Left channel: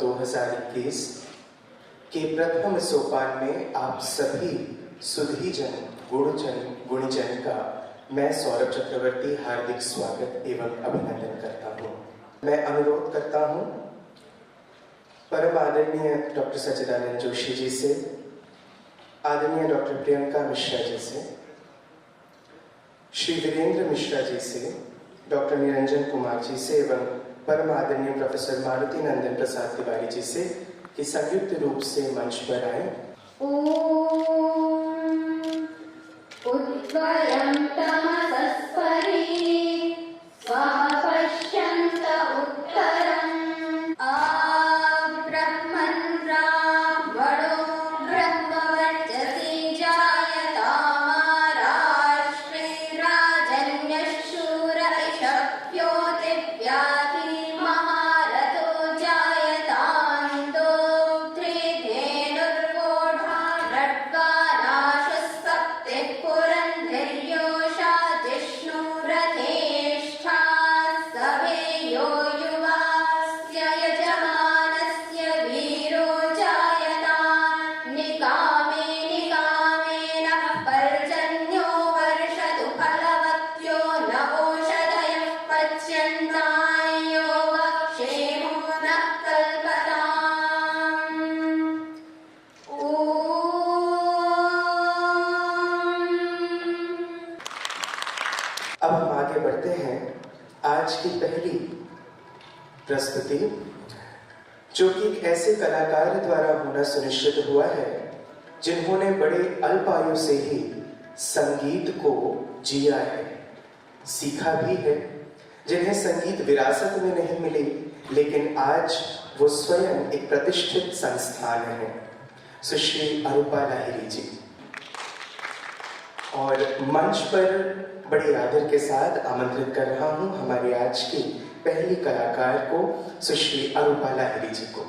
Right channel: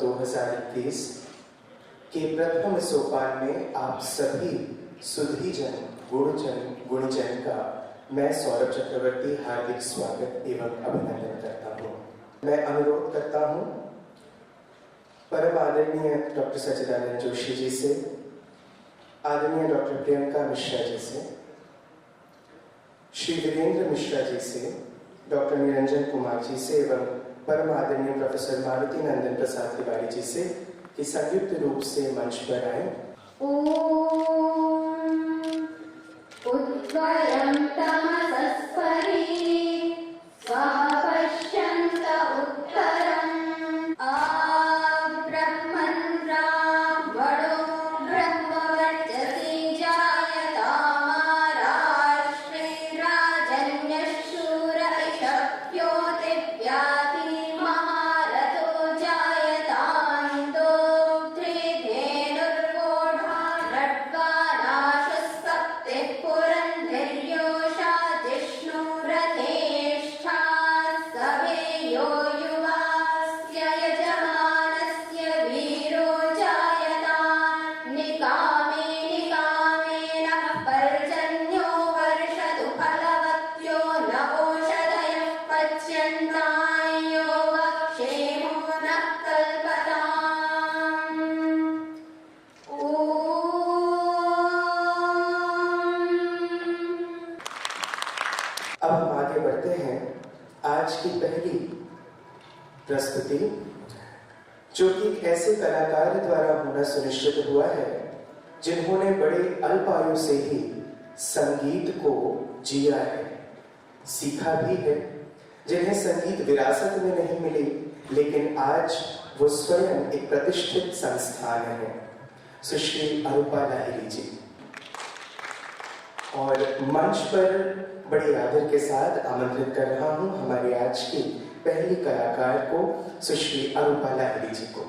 2021 के प्रथम सोपान में आप सभी सुधीजन गुणीजन का मैं सौरभ चक्रवर्ती हार्दिक स्वागत एवं अभिनंदन करता हूँ। मैं अनुरोध करता हूँ परम आदरणीय डॉक्टर सच्चिदानंद जोशी जी से, आदरणीय डॉक्टर प्रियंका मिश्रा जी से, श्री वीरेंद्र मिश्रा जी से, डॉक्टर निरंजन कुमार जी से एवं परम आदरणीय प्रोफेसर मारुति नंदन प्रसाद तिवारी जी से कि संयुक्त रूप से मंच पर आए। उद्वयं तमसस्परि स्वपश्यन्त उत्तरम् ब्रह्मन् ब्राह्मणो ब्रह्मवर्चसि जायतामाराष्ट्रे राजन्यशूर इषभ्यो दिव्याति महारथो जायतान्तो धेनुर्वोढा रड्वानाशस्तप्तिः पुरन्धिर्योषा जिष्णुरथेष्ठा सवेयो युवास्य यजमानस्य वीरो जायता निकामे निकामेन पर्जन्यो वर्षतु फलवत्यो नवोषधयः पच्यन्तायो वक्षेमो नः कल्पताम्। अब हम आगे बढ़ते हैं। आज की पहली प्रस्तुति जो कि एक ऐसे कलाकार द्वारा होना सुनिश्चित हुआ है जिन्होंने बड़े अल्प आयु से ही संगीत को जिया है, सीखा भी है, जिन्हें संगीत विरासत में नहीं मिली लेकिन आज वो स्वयं एक प्रतिष्ठित संस्थान है। सुश्री अरूपा लाहिरी जी और मंच पर बड़े आदर के साथ आमंत्रित कर रहा हूं हमारी आज की पहली कलाकार को, सुश्री अरूपा लाहिरी जी को।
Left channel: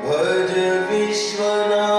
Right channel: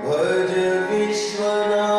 भज विश्वनाथ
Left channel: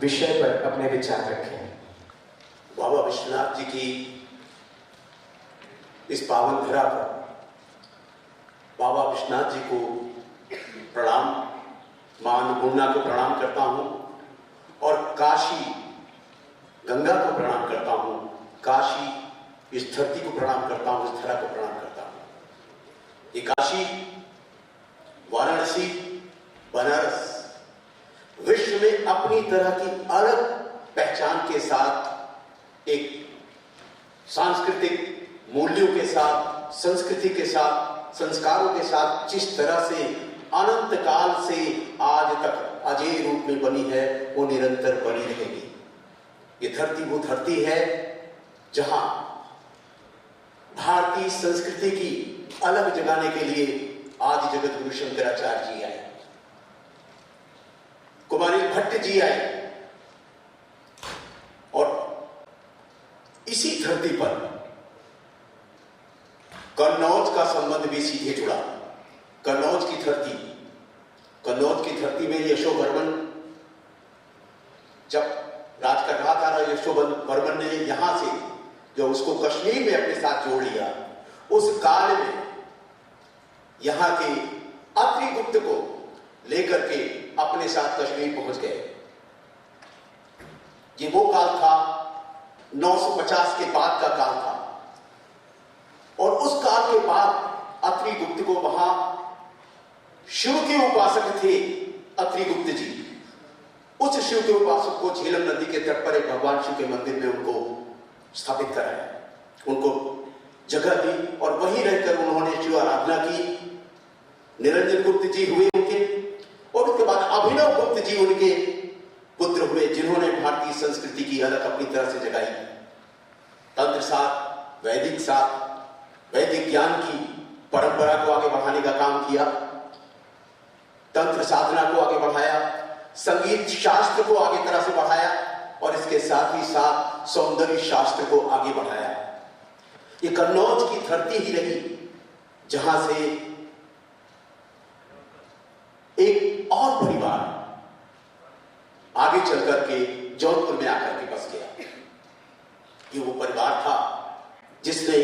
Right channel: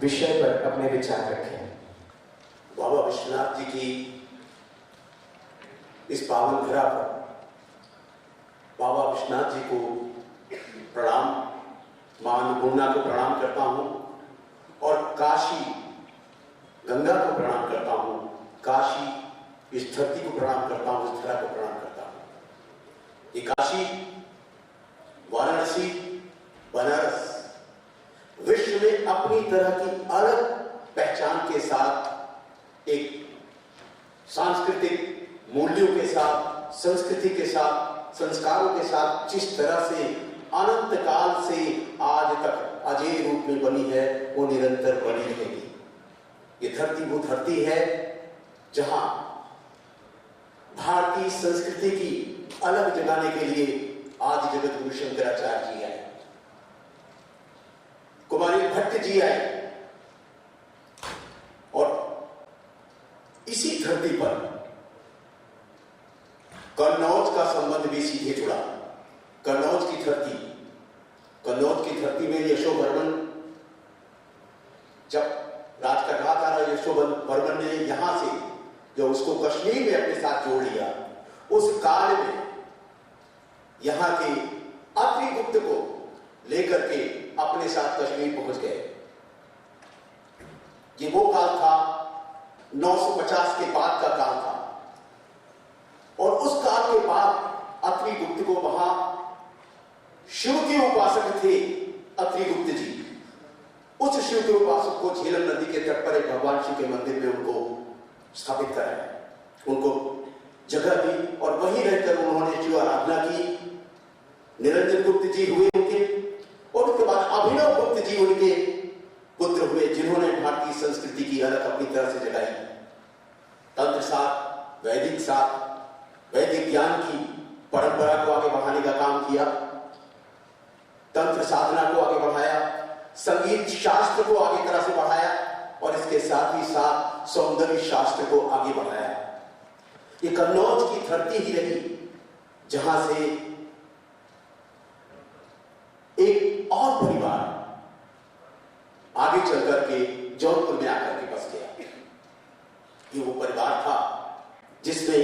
विषय पर अपने विचार रखें। बाबा विश्वनाथ जी की इस पावन धरा पर बाबा विश्वनाथ जी को प्रणाम, मां अन्नपूर्णा को प्रणाम करता हूं और काशी गंगा को प्रणाम करता हूं, काशी इस धरती को प्रणाम करता हूं, इस धरा को प्रणाम करता हूं। ये काशी, वाराणसी, बनारस विश्व में अपनी तरह की अलग पहचान के साथ, एक सांस्कृतिक मूल्यों के साथ, संस्कृति के साथ, संस्कारों के साथ जिस तरह से अनंत काल से आज तक अजय रूप में बनी है, वो निरंतर बनी रहेगी। ये धरती वो धरती है जहां भारतीय संस्कृति की अलग जगाने के लिए आदि जगत गुरु शंकराचार्य जी आए, कुमारी भट्ट जी आए, और इसी धरती पर कन्नौज का संबंध भी सीधे जुड़ा। कन्नौज की धरती में यशोवर्मन जब राज कर रहा था, यशोवर्मन ने यहां से जो उसको कश्मीर में अपने साथ जोड़ लिया, उस काल में यहां के अत्रिगुप्त को लेकर के अपने साथ कश्मीर पहुंच गए। ये वो काल था, 950 के बाद का काल था, और उस काल के बाद अत्रिगुप्त को वहां शिव के उपासक थे अत्रिगुप्त जी। उस शिव के उपासक को झेलम नदी के तट पर एक भगवान शिव के मंदिर में उनको स्थापित कराया, उनको जगह दी, और वहीं रहकर उन्होंने शिव आराधना की। निरंजन गुप्त जी हुए उनके, और उसके बाद अभिनव गुप्त जी उनके पुत्र हुए, जिन्होंने भारतीय संस्कृति की अलग अपनी तरह से जगाई। तंत्र साथ, वैदिक साथ, वैदिक ज्ञान की परंपरा को आगे बढ़ाने का काम किया, तंत्र साधना को आगे बढ़ाया, संगीत शास्त्र को आगे तरह से बढ़ाया, और इसके साथ ही साथ सौंदर्य शास्त्र को आगे बढ़ाया। ये कन्नौज की धरती ही रही जहां से एक और परिवार आगे चल करके जौनपुर में आकर के बस गया। ये वो परिवार था जिसने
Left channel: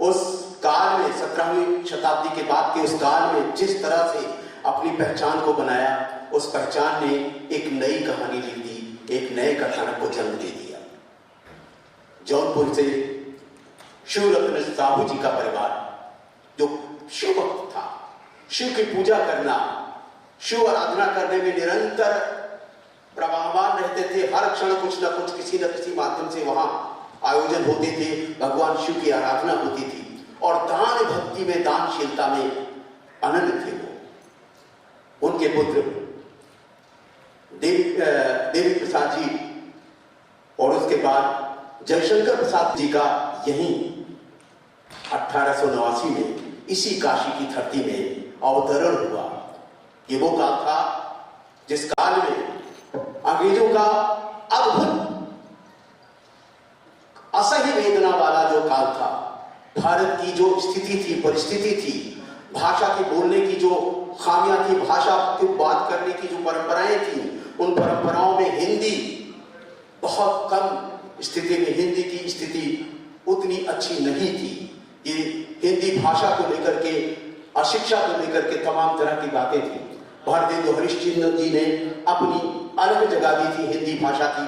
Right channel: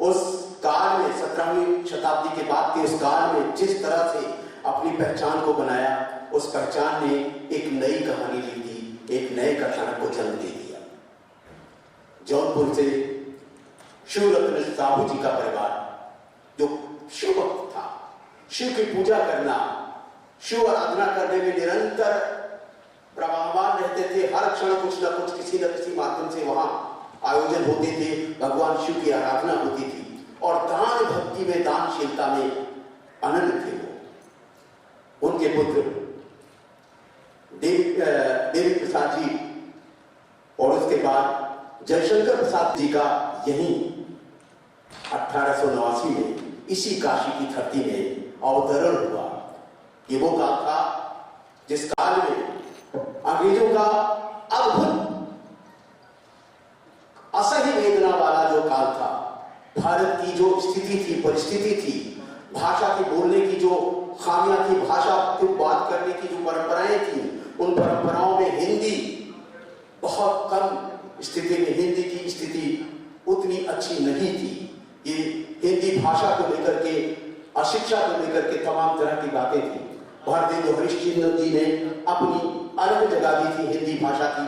उस काल में, 17वीं शताब्दी के बाद के उस काल में जिस तरह से अपनी पहचान को बनाया, उस पहचान ने एक नई कहानी लिख दी, एक नए कथानक को जन्म दे दिया। जौनपुर से शिवरत्न साहू जी का परिवार, जो शिव भक्त था, शिव की पूजा करना, शिव आराधना करने में निरंतर प्रवाहमान रहते थे। हर क्षण कुछ न कुछ किसी न किसी माध्यम से वहां आयोजन होते थे, भगवान शिव की आराधना होती थी, और दान भक्ति में, दानशीलता में अनन्य थे वो। उनके पुत्र देवी प्रसाद जी, और उसके बाद जयशंकर प्रसाद जी का यहीं 1889 में इसी काशी की धरती में अवतरण हुआ। ये वो काल था जिस काल में अंग्रेजों का अद्भुत असह्य वेदना वाला जो काल था, भारत की जो स्थिति थी, परिस्थिति थी, भाषा की बोलने की जो खामियां थी, भाषा की बात करने की जो परंपराएं थी, उन परंपराओं में हिंदी बहुत कम स्थिति में, हिंदी की स्थिति उतनी अच्छी नहीं थी। ये हिंदी भाषा को लेकर के, अशिक्षा को लेकर के तमाम तरह की बातें थी। भारतेंदु हरिश्चंद्र जी ने अपनी अलग जगह दी थी हिंदी भाषा की,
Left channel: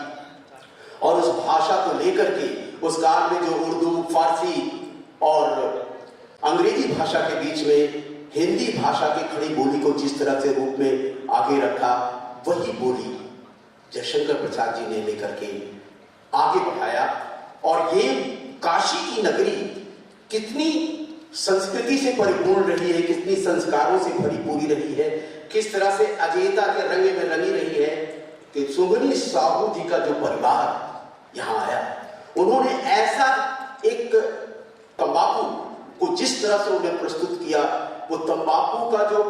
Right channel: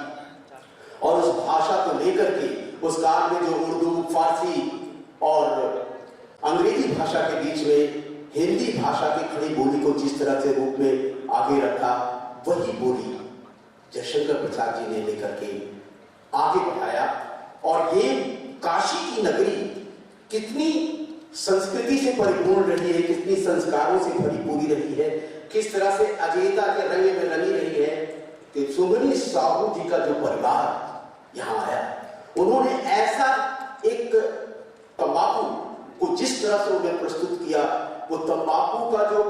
और उस भाषा को लेकर के उस काल में जो उर्दू, फारसी और अंग्रेजी भाषा के बीच में हिंदी भाषा की खड़ी बोली को जिस तरह से रूप में आगे रखा, वही बोली जयशंकर प्रसाद जी ने लेकर के आगे बढ़ाया। और ये काशी की नगरी कितनी संस्कृति से परिपूर्ण रही है, कितनी संस्कारों से भरी पूरी रही है, किस तरह से अजयता के रंग में रंगी रही है कि सुगनी साहू जी का जो परिवार यहाँ आया, उन्होंने ऐसा एक तंबाकू को जिस तरह से उन्हें प्रस्तुत किया, वो तंबाकू का जो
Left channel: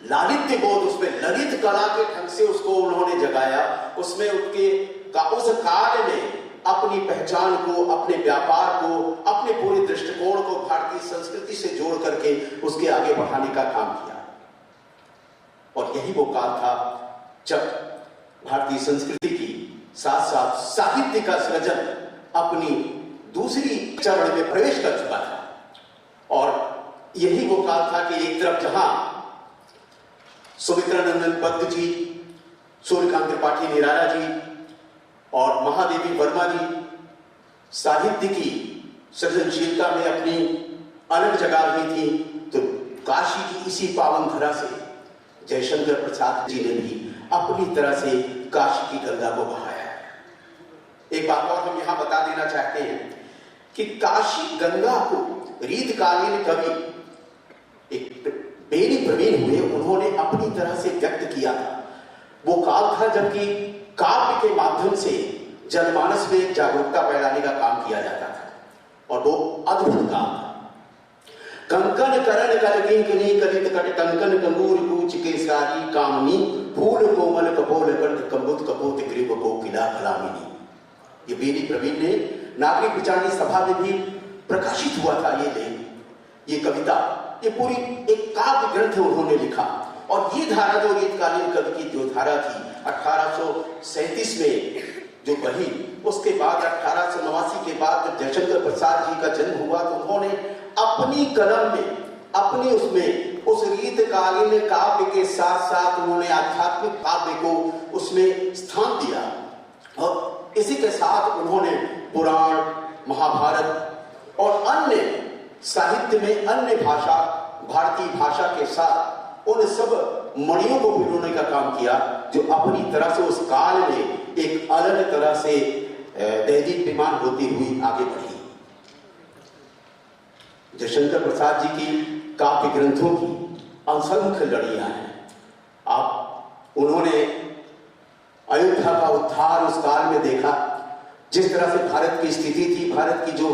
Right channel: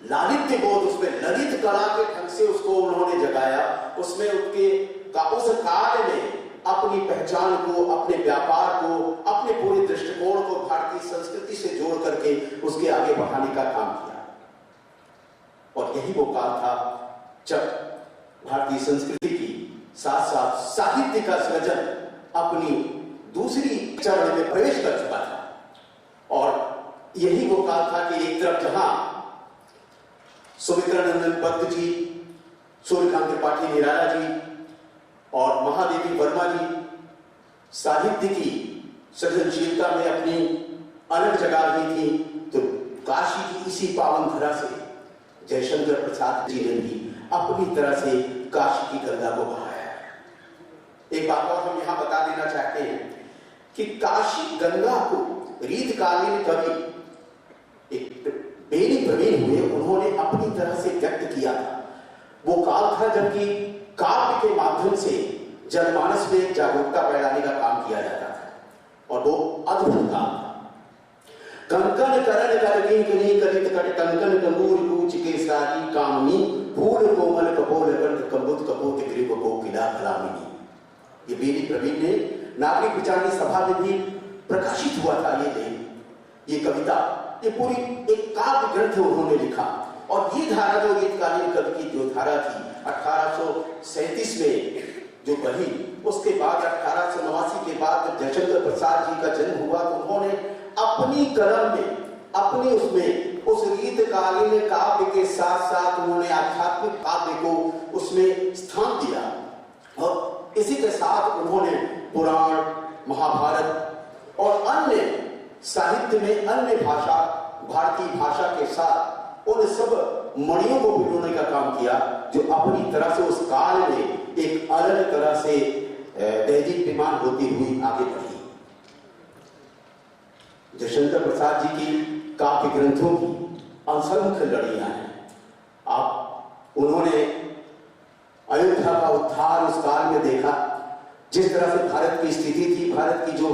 लालित्य बोध, उसमें ललित कला के ढंग से उसको उन्होंने जगाया, उसमें उस काल में अपनी पहचान को, अपने व्यापार को, अपने पूरे दृष्टिकोण को भारतीय संस्कृति से जोड़ करके उसके आगे बढ़ाने का काम किया। और यही वो काल था जब भारतीय संस्कृति की साथ साथ साहित्य का सृजन अपनी दूसरी चरण में प्रवेश कर चुका था। और यही वो काल था कि एक तरफ जहां सुमित्रानंदन पद्म जी, सूर्यकांत त्रिपाठी निराला जी और महादेवी वर्मा जी साहित्य की सृजनशीलता में अपनी अलग जगह ली थी, तो काशी की इसी पावन धरा से जयशंकर प्रसाद जी ने भी अपनी तरह से काशी की गंगा को बहाया। एक बात और हम यहां बता देना चाहते हैं कि काशी गंगा को रीतकालीन कवि एक बेनी प्रवीण हुए, उन्होंने अपनी तरह से व्यक्त किया था। वो काल था जबकि काव्य के माध्यम से जनमानस में एक जागरूकता फैलाने का काम किया जाता था, और वो अद्भुत काम था। कंकन करण कलकिंकनी कलित कट कंकन कंगूर कूच के सारी कामनी फूल कोमल कपोल कंठ कंबुत कपोत ग्रीव कोकिला कलामिनी। ये बेनी प्रवीण ने नागरिक विचारणी सभा में भी प्रकाशित हुआ था। ये लेख, ये कविता, ये पूरी एक काव्य ग्रंथ उन्होंने लिखा। और ये धारा जो रीतकालीन कवि की जो धारा थी 1837 में जो बही, उसके बाद 1889 के बाद जब जयशंकर प्रसाद जी का जन्म हुआ तो उन्होंने अपनी कलम में, अपनी उसमें उस रीतकालीन काव्य के साथ साथ उन्होंने आध्यात्मिक काव्य को उसमें स्थान दिया। और इसी के साथ उन्होंने पुराण, महाभारत और अन्य साहित्य में अन्य भाषा, भारतीय भाषा के साथ उन सब मणियों को पिरोने का काम किया जो अपनी तरह से उस काल में एक अलग तरह से दैदीप्यमान होती हुई आगे बढ़ी। जयशंकर प्रसाद जी की काव्य ग्रंथों की असंख्य लड़ियां हैं। उन्होंने अयोध्या का उद्धार उस काल में देखा, जिस तरह से भारत की स्थिति थी, भारत की जो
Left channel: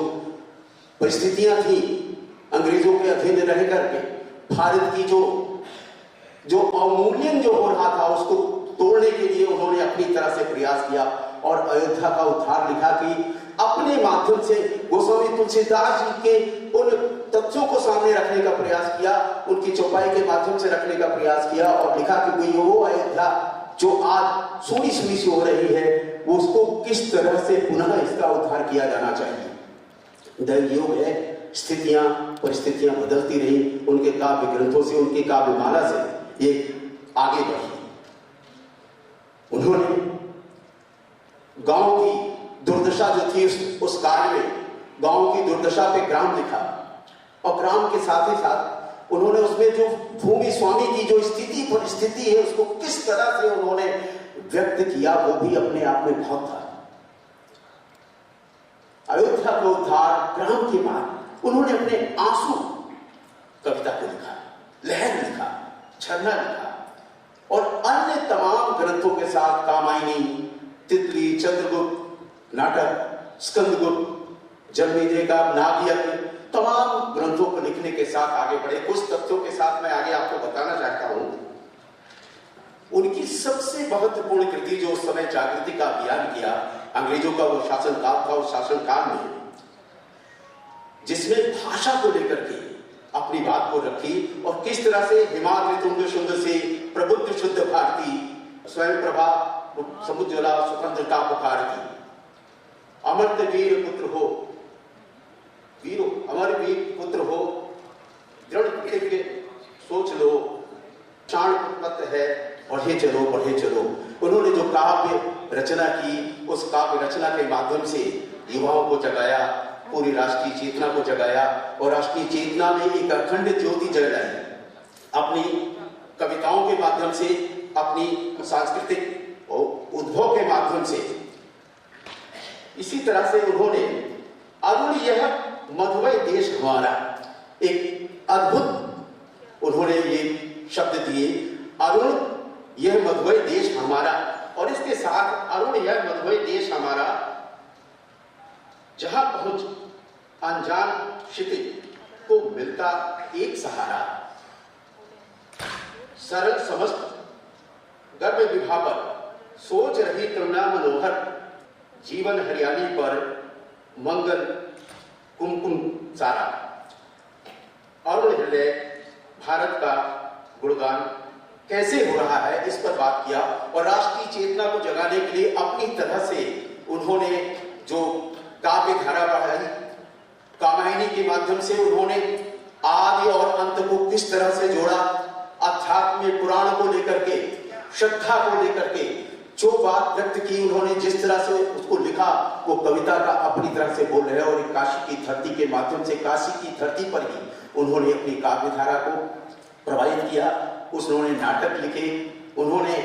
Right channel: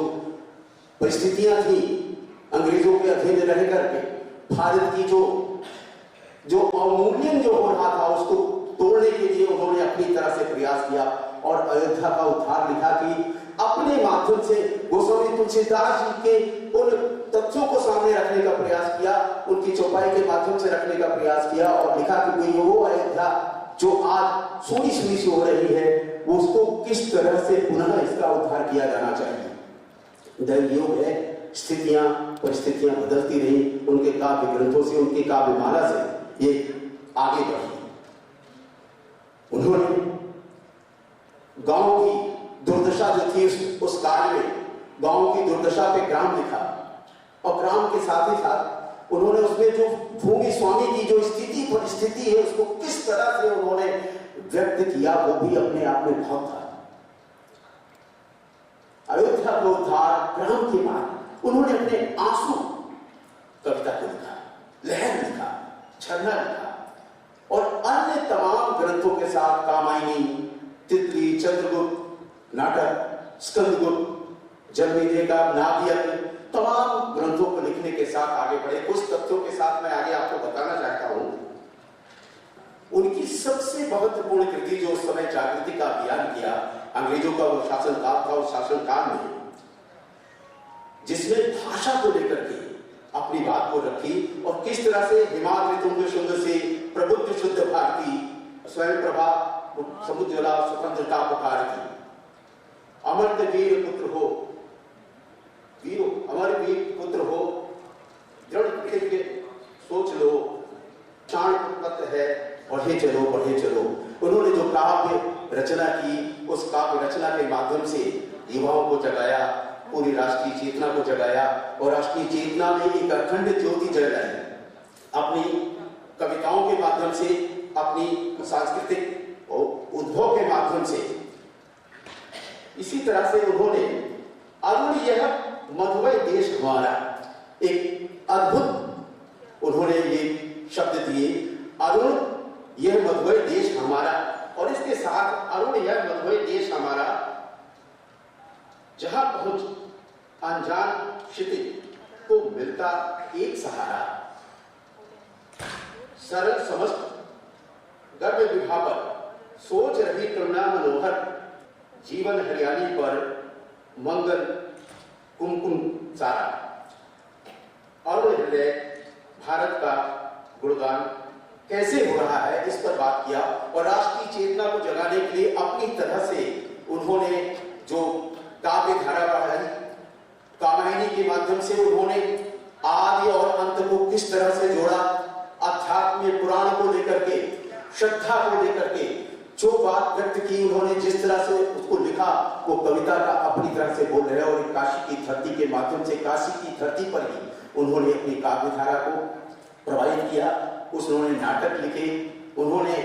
परिस्थितियां थी, अंग्रेजों के अधीन रह करके भारत की जो अवमूल्यन जो हो रहा था उसको तोड़ने के लिए उन्होंने अपनी तरह से प्रयास किया और अयोध्या का उद्धार लिखा कि अपने माध्यम से गोस्वामी तुलसीदास जी के उन तथ्यों को सामने रखने का प्रयास किया, उनकी चौपाई के माध्यम से रखने का प्रयास किया और लिखा कि कोई वो अयोध्या जो आज सूनी सूनी सी हो रही है, उसको किस तरह से पुनः इसका उद्धार किया जाना चाहिए। दैवयोग है, स्थितियां परिस्थितियां बदलती रही, उनके काव्य ग्रंथों से, उनके काव्य माला से ये आगे बढ़ी। उन्होंने गांव की दुर्दशा जो थी उस काल में गांव की दुर्दशा पे ग्राम लिखा और ग्राम के साथ ही साथ उन्होंने उसमें जो भूमि स्वामी की जो स्थिति परिस्थिति है उसको किस तरह से उन्होंने व्यक्त किया, वो भी अपने आप में बहुत था। अयोध्या को उद्धार ग्राम के बाद उन्होंने अपने आंसू कविता को लिखा, लहर लिखा, झरना लिखा और अन्य तमाम ग्रंथों के साथ कामायनी, तितली, चंद्रगुप्त नाटक, स्कंदगुप्त, जन्मेजय का नागयज्ञ, तमाम ग्रंथों को लिखने के साथ आगे बढ़े। कुछ तथ्यों के साथ मैं आगे आपको बताना चाहता हूं। उनकी सबसे महत्वपूर्ण कृति जो उस समय जागृति का अभियान किया, अंग्रेजों का वो शासनकाल था, उस शासनकाल में जिसमें भाषा को लेकर के अपनी बात को रखी और किस तरह से हिमाद्रि तुंग शुंग से प्रबुद्ध शुद्ध भारती स्वयं प्रभा समुज्ज्वला स्वतंत्रता पुकार की। अमर्त्य वीर पुत्र हो, वीरो अमर वीर पुत्र हो, दृढ़ प्रतिज्ञ सोच लो, शान उत्पत्त है, बढ़े चलो बढ़े चलो। उन्होंने जो काव्य रचना की, उस काव्य रचना के माध्यम से युवाओं को जगाया, पूरी राष्ट्रीय चेतना को जगाया और राष्ट्रीय चेतना में एक अखंड ज्योति जलाई। अपनी कविताओं के माध्यम से, अपनी सांस्कृतिक उद्भव के माध्यम से। इसी तरह से उन्होंने अरुण यह मधुमय देश हमारा, एक अद्भुत उन्होंने ये शब्द दिए, अरुण यह मधुमय देश हमारा। और इसके साथ अरुण यह मधुमय देश हमारा, जहां पहुंच अनजान क्षितिज को मिलता एक सहारा, सरल समस्त गर्भ विभावर, सोच रही करुणा मनोहर, जीवन हरियाली पर मंगल कुमकुम सारा। अरुण हृदय भारत का गुणगान कैसे हो रहा है, इस पर बात किया और राष्ट्रीय चेतना को जगाने के लिए अपनी तरह से उन्होंने जो काव्य धारा बढ़ाई, कामायनी के माध्यम से उन्होंने आदि और अंत को किस तरह से जोड़ा, अध्यात्म पुराण को लेकर के, श्रद्धा को लेकर के जो बात व्यक्त की उन्होंने, जिस तरह से उसको लिखा, वो कविता का अपनी तरह से बोल रहे हैं। और काशी की धरती के माध्यम से, काशी की धरती पर ही उन्होंने अपनी काव्य धारा को प्रभावित किया। उन्होंने नाटक लिखे, उन्होंने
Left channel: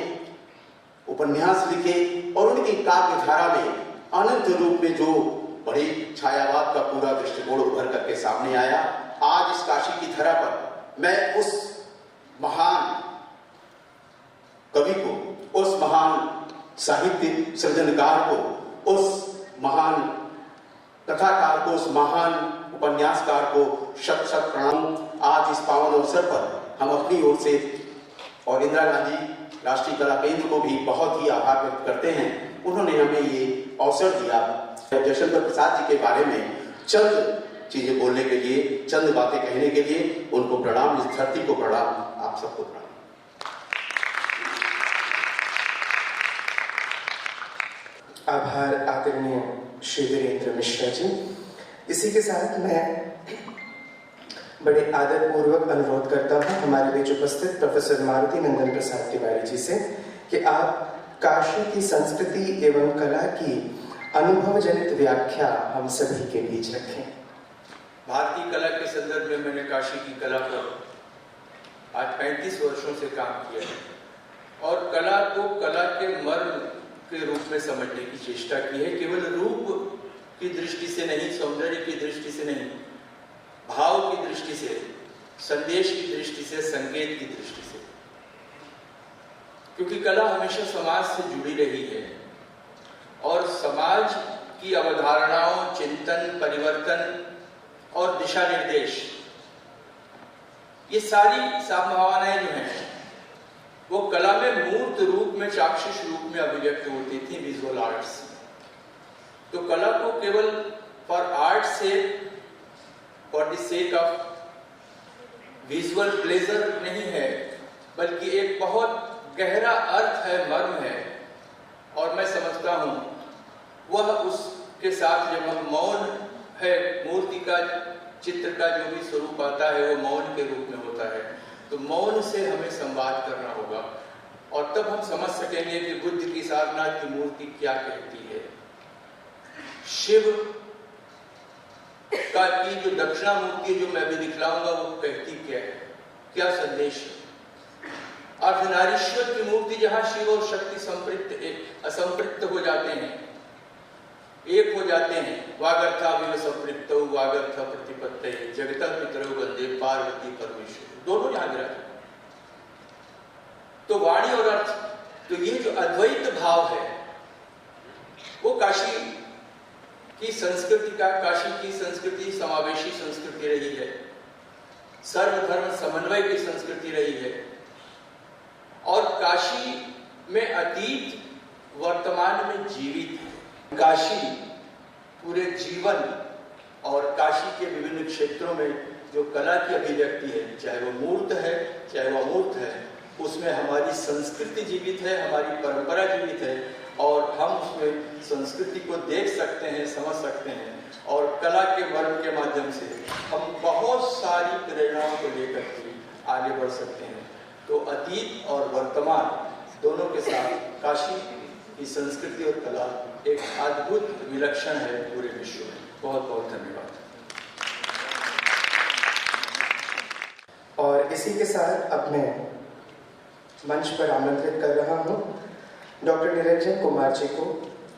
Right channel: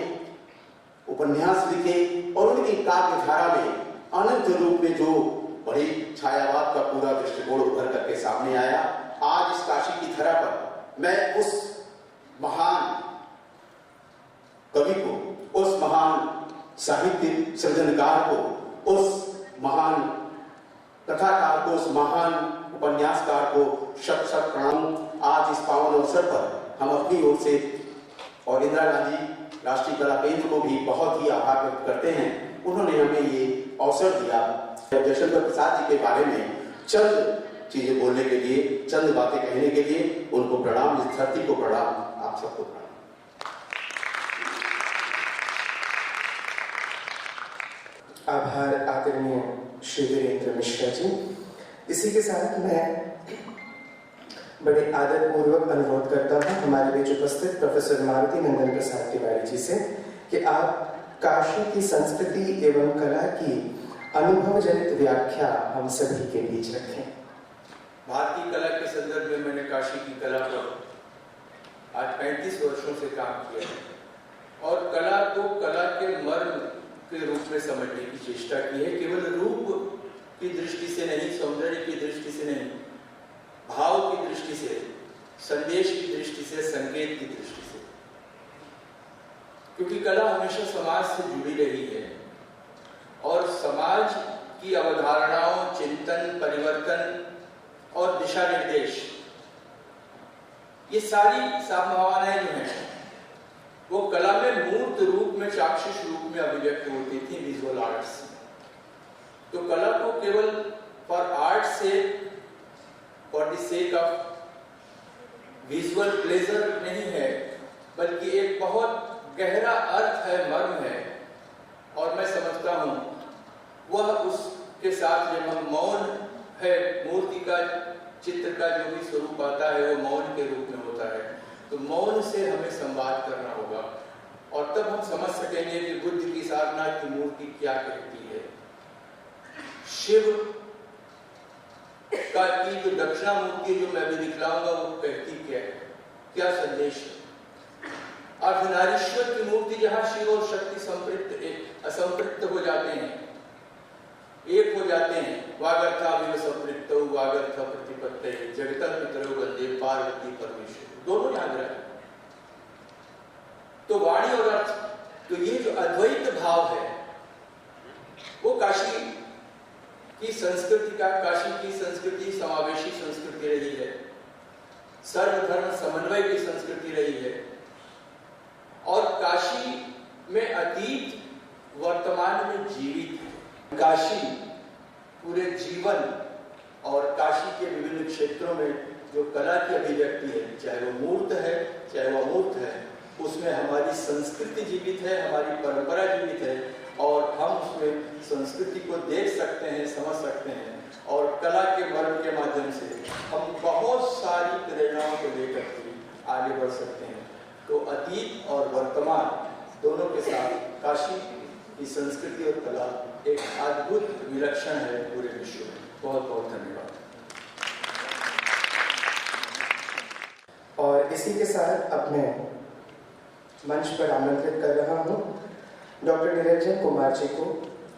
उपन्यास लिखे और उनकी काव्य धारा में अनंत रूप में जो बड़ी छायावाद का पूरा दृष्टिकोण उभर करके सामने आया, आज इस काशी की धरा पर मैं उस महान कवि को, उस महान साहित्य सृजनकार को, उस महान कथाकार को, उस महान उपन्यासकार को शत शत प्रणाम। आज इस पावन अवसर पर हम अपनी ओर से और इंदिरा गांधी राष्ट्रीय कला केंद्र को भी बहुत ही आभार व्यक्त करते हैं। उन्होंने हमें ये अवसर दिया जयशंकर प्रसाद जी के बारे में चंद चीजें बोलने के लिए, चंद बातें कहने के लिए। उनको प्रणाम, इस धरती को प्रणाम, आप सबको प्रणाम। आभार आदरणीय श्री वीरेंद्र मिश्रा जी। इसी के साथ मैं बड़े आदरपूर्वक अनुरोध करता हूं हमारे बीच उपस्थित प्रोफेसर मारुति नंदन प्रसाद तिवारी जी से कि आप काशी की संस्कृति एवं कला की अनुभव जनित व्याख्या हम सभी के बीच रखें। भारतीय कला के संदर्भ में मैंने काशी की कला पर आज 35 वर्षों से काम किया है और कला को कला के मर्म के रूप में समझने की चेष्टा की है। केवल रूप की दृष्टि से नहीं, सौंदर्य की दृष्टि से नहीं, भाव की दृष्टि से, संदेश की दृष्टि से, संकेत की दृष्टि से। क्योंकि कला हमेशा समाज से जुड़ी रही है और समाज की अवधारणाओं, चिंतन, परिवर्तन और दिशा निर्देश, ये सारी संभावनाएं जो हैं वो कला में मूर्त रूप में, चाक्षुष रूप में अभिव्यक्त होती थी विजुअल आर्ट्स। तो कला को केवल फॉर आर्ट से, for the sake of visual pleasure नहीं है, बल्कि एक बहुत गहरा अर्थ है, मर्म है। और मैं समझता हूं वह उसके साथ जब हम मौन है, मूर्ति का, चित्र का जो भी स्वरूप आता है वो मौन के रूप में होता है। तो मौन से हमें संवाद करना होगा और तब हम समझ सकेंगे कि बुद्ध की सारनाथ की मूर्ति क्या कहती है, शिव का की जो दक्षिणा मूर्ति जो मैं भी दिखलाऊंगा वो कहती क्या है, क्या संदेश है। अर्धनारीश्वर की मूर्ति जहां शिव और शक्ति असंपृक्त हो जाते हैं, एक हो जाते हैं, वागर्थाविव संपृक्तौ वागर्थ प्रतिपत्तये जगतः पितरौ वंदे पार्वती परमेश्वर, दोनों याद रखें। तो वाणी और अर्थ, तो ये जो अद्वैत भाव है वो काशी की संस्कृति का, काशी की संस्कृति समावेशी संस्कृति रही है, सर्वधर्म समन्वय की संस्कृति रही है। और काशी में अतीत वर्तमान में जीवित है। काशी पूरे जीवन और काशी के विभिन्न क्षेत्रों में जो कला की अभिव्यक्ति है, चाहे वो मूर्त है चाहे वो अमूर्त है, उसमें हमारी संस्कृति जीवित है, हमारी परंपरा जीवित है और हम उसमें संस्कृति को देख सकते हैं, समझ सकते हैं और कला के मर्म के माध्यम से हम बहुत सारी प्रेरणाओं को लेकर के आगे बढ़ सकते हैं। तो अतीत और वर्तमान दोनों के साथ काशी की संस्कृति और कला एक अद्भुत विलक्षण है पूरे विश्व में। बहुत बहुत धन्यवाद। और इसी के साथ अब मैं मंच पर आमंत्रित कर रहा हूं डॉक्टर निरंजन कुमार जी को।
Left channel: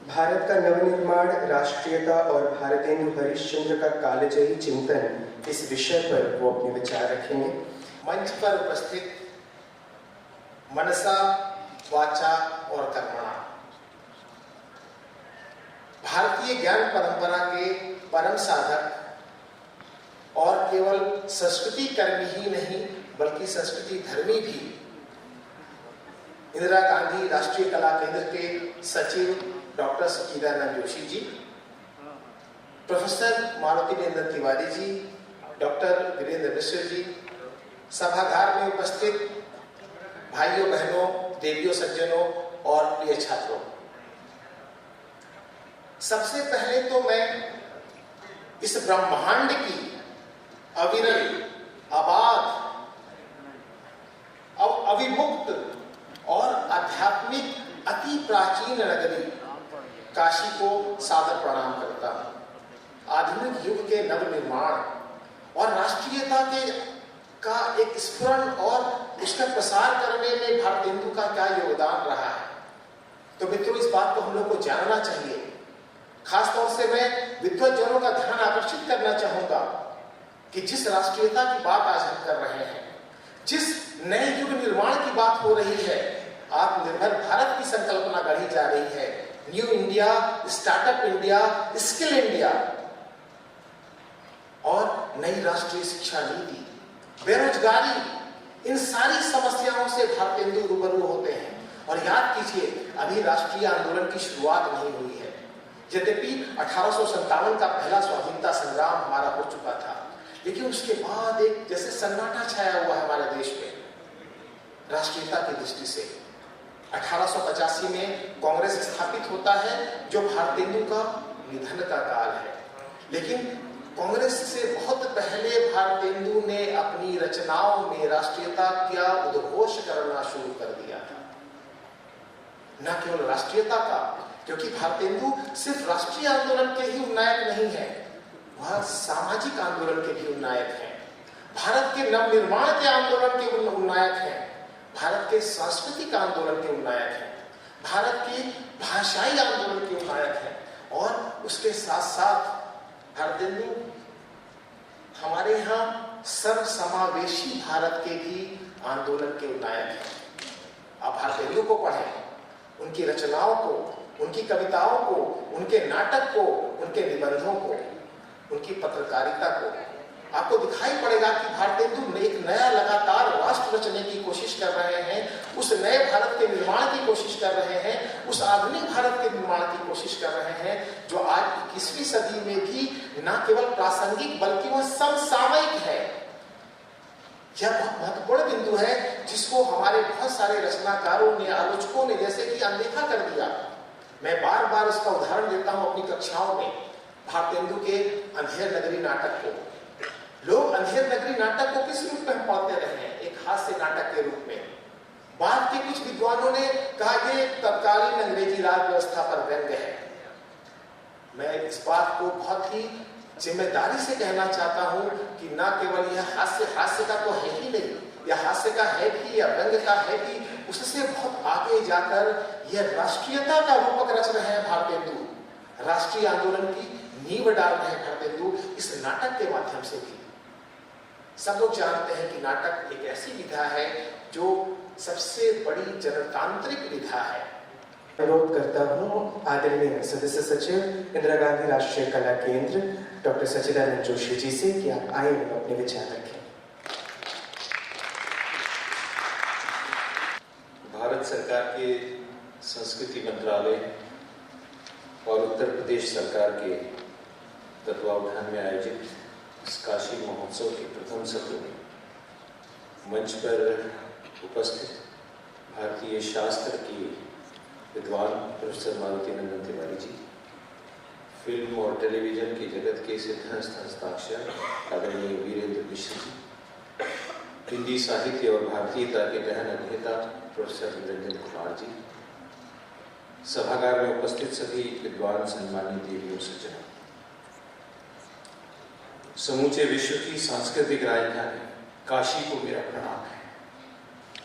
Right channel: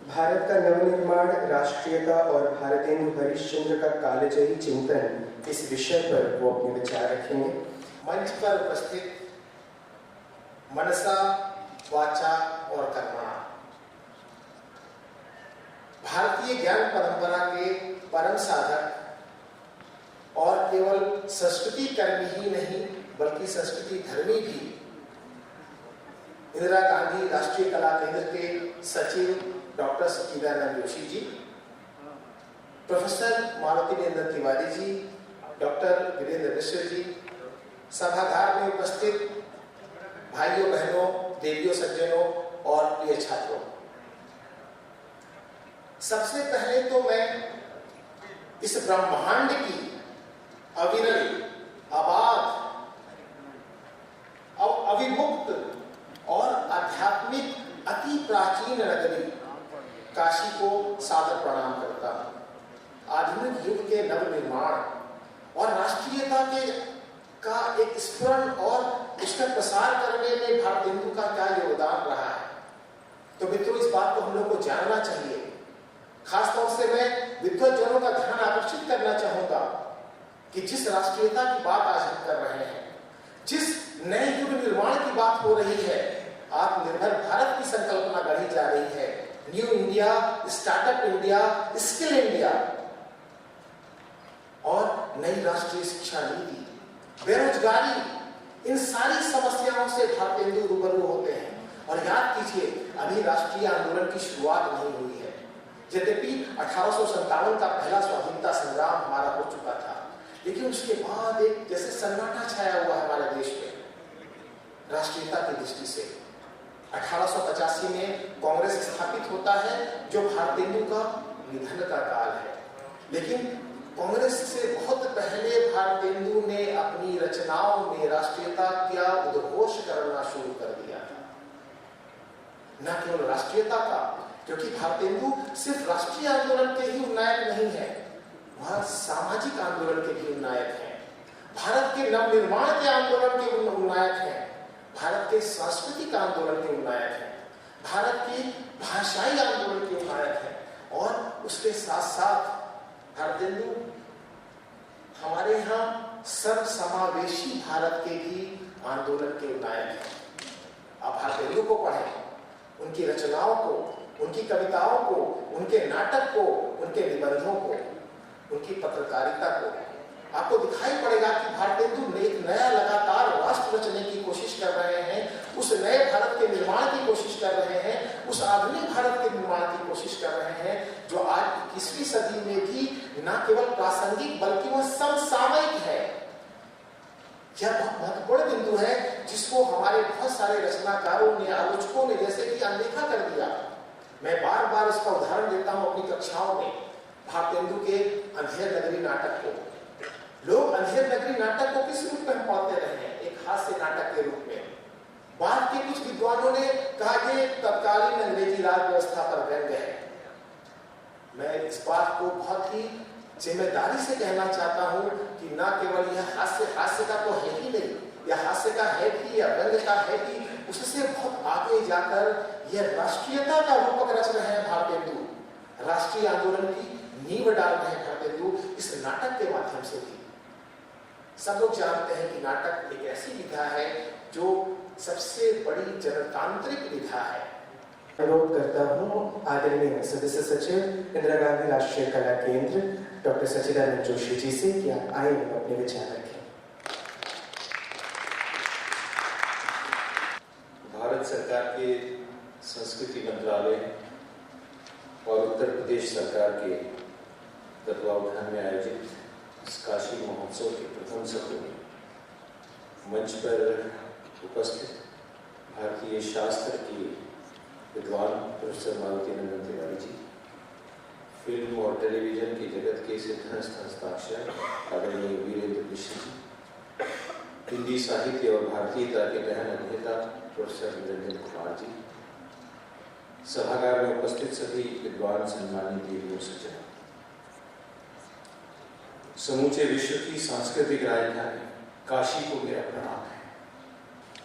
भारत का नवनिर्माण, राष्ट्रीयता और भारतेंदु हरिश्चंद्र का कालजयी चिंतन, इस विषय पर वो अपने विचार रखेंगे। मंच पर उपस्थित मनसा, वाचा और कर्मणा भारतीय ज्ञान परंपरा के परम साधक और केवल संस्कृति कर्मी ही नहीं बल्कि संस्कृति धर्मी भी इंदिरा गांधी राष्ट्रीय कला केंद्र के सचिव डॉक्टर सचिदानंद जोशी जी, प्रोफेसर मारुति नंदन तिवारी जी, डॉक्टर वीरेंद्र मिश्र जी, सभागार में उपस्थित भाइयों बहनों, देवियों सज्जनों और प्रिय छात्रों, सबसे पहले तो मैं इस ब्रह्मांड की अविरल, अबाध, अविमुक्त और आध्यात्मिक अति प्राचीन नगरी काशी को सादर प्रणाम करता हूं। आधुनिक युग के नवनिर्माण और राष्ट्रीयता का एक स्फुरण और उसका प्रसार करने में भारतेंदु का क्या योगदान रहा है। तो मित्रों, इस बात को हम लोग को जानना चाहिए खासतौर से मैं विद्वज्जनों का ध्यान आकर्षित करना चाहूंगा कि जिस राष्ट्रीयता की बात आज हम कर रहे हैं, जिस नए युग निर्माण की बात हो रही है, आत्मनिर्भर भारत की संकल्पना गढ़ी जा रही है, new India, startup India, skill India और नई राष्ट्रीय शिक्षा नीति, बेरोजगारी, इन सारी समस्याओं से भारतेंदु रूबरू होते हैं। और याद कीजिए, अभी राष्ट्रीय आंदोलन की शुरुआत नहीं हुई है। यद्यपि 1857 का पहला स्वाधीनता संग्राम हमारा हो चुका था, लेकिन उसके बाद एक जैसे सन्नाटा छाया हुआ है हमारे देश में राष्ट्रीयता की दृष्टि से। 1885 में कांग्रेस स्थापित होता है, जो भारतेंदु का निधन का काल है। लेकिन कांग्रेस से बहुत पहले भारतेंदु ने अपनी रचनाओं में राष्ट्रीयता का उद्घोष करना शुरू कर दिया था। न केवल राष्ट्रीयता का, क्योंकि भारतेंदु सिर्फ राष्ट्रीय आंदोलन के ही उन्नायक नहीं है, वह सामाजिक आंदोलन के भी उन्नायक हैं, भारत के नवनिर्माण के आंदोलन के उन्नायक हैं, भारत के सांस्कृतिक आंदोलन के उन्नायक हैं, भारत की भाषाई आंदोलन के उन्नायक हैं। और उसके साथ साथ भारतेंदु हमारे यहाँ सर्वसमावेशी भारत के भी आंदोलन के नायक हैं। आप भारतेंदु को पढ़ें, उनकी रचनाओं को, उनकी कविताओं को, उनके नाटक को, उनके निबंधों को, उनकी पत्रकारिता को, आपको दिखाई पड़ेगा कि भारतेंदु एक नया लगातार राष्ट्र रचने की कोशिश कर रहे हैं, उस नए भारत के निर्माण की कोशिश कर रहे हैं, उस आधुनिक भारत के निर्माण की कोशिश कर रहे हैं, जो आज 21वीं सदी में भी न केवल प्रासंगिक बल्कि वह समसामयिक है। यह बहुत महत्वपूर्ण बिंदु है, जिसको हमारे बहुत सारे रचनाकारों ने, आलोचकों ने जैसे कि अनदेखा कर दिया। मैं बार बार इसका उदाहरण देता हूं अपनी कक्षाओं में, भारतेंदु के अंधेर नगरी नाटक को। लोग अंधेर नगरी नाटक को किस रूप में पढ़ते रहे हैं? एक हास्य नाटक के रूप में। बाद के कुछ विद्वानों ने कहा कि तत्कालीन अंग्रेजी राज व्यवस्था पर व्यंग्य है। मैं इस बात को बहुत ही जिम्मेदारी से कहना चाहता हूं कि न केवल यह हास्य का तो है ही नहीं, यह हास्य का है भी या व्यंग्य का है भी, उससे बहुत आगे जाकर यह राष्ट्रीयता का रूपक रच रहे हैं भारतेंदु। राष्ट्रीय आंदोलन की नींव डाल रहे हैं भारतेंदु इस नाटक के माध्यम से भी। सब लोग जानते हैं कि नाटक एक ऐसी विधा है जो सबसे बड़ी जनतांत्रिक विधा है। अनुरोध करता हूँ आदरणीय सदस्य सचिव इंदिरा गांधी राष्ट्रीय कला केंद्र डॉक्टर सच्चिदानंद जोशी जी से कि आप आए और अपने विचार रखें। भारत सरकार के संस्कृति मंत्रालय और उत्तर प्रदेश सरकार के तत्वावधान में आयोजित इस काशी महोत्सव के प्रथम सत्र में मंच पर उपस्थित भारतीय शास्त्र की विद्वान प्रोफेसर मालती नंदन तिवारी जी, फिल्म और टेलीविजन के जगत के सिद्धहस्त हस्ताक्षर आदरणीय वीरेंद्र मिश्र जी, हिंदी साहित्य और भारतीयता के गहन अध्येता प्रोफेसर निरंजन कुमार जी, सभागार में उपस्थित सभी विद्वान सम्मानित देवियों सज्जनों, समूचे विश्व की सांस्कृतिक राजधानी काशी को मेरा प्रणाम है।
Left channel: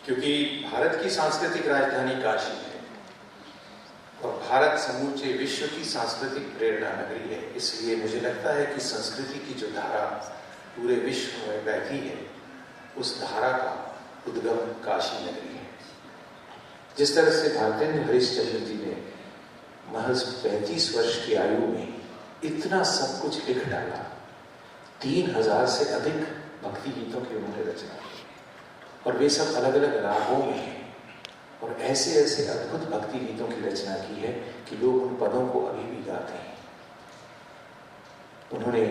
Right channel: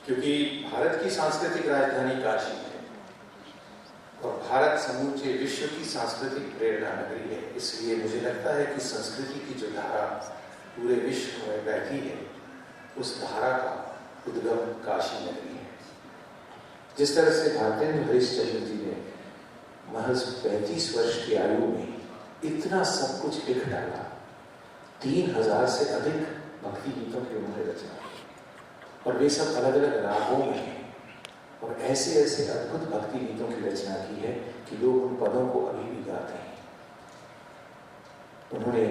क्योंकि भारत की सांस्कृतिक राजधानी काशी है और भारत समूचे विश्व की सांस्कृतिक प्रेरणा नगरी है, इसलिए मुझे लगता है कि संस्कृति की जो धारा पूरे विश्व में बहती है, उस धारा का उद्गम काशी नगरी है। जिस तरह से भारतेंदु हरिश्चंद्र जी ने महज 35 वर्ष की आयु में इतना सब कुछ लिख डाला, 3000 से अधिक भक्ति गीतों की उन्होंने रचना की और वे सब अलग अलग रागों में हैं, और ऐसे ऐसे अद्भुत भक्ति गीतों की रचना की है कि लोग उन पदों को अभी भी गाते हैं। उन्होंने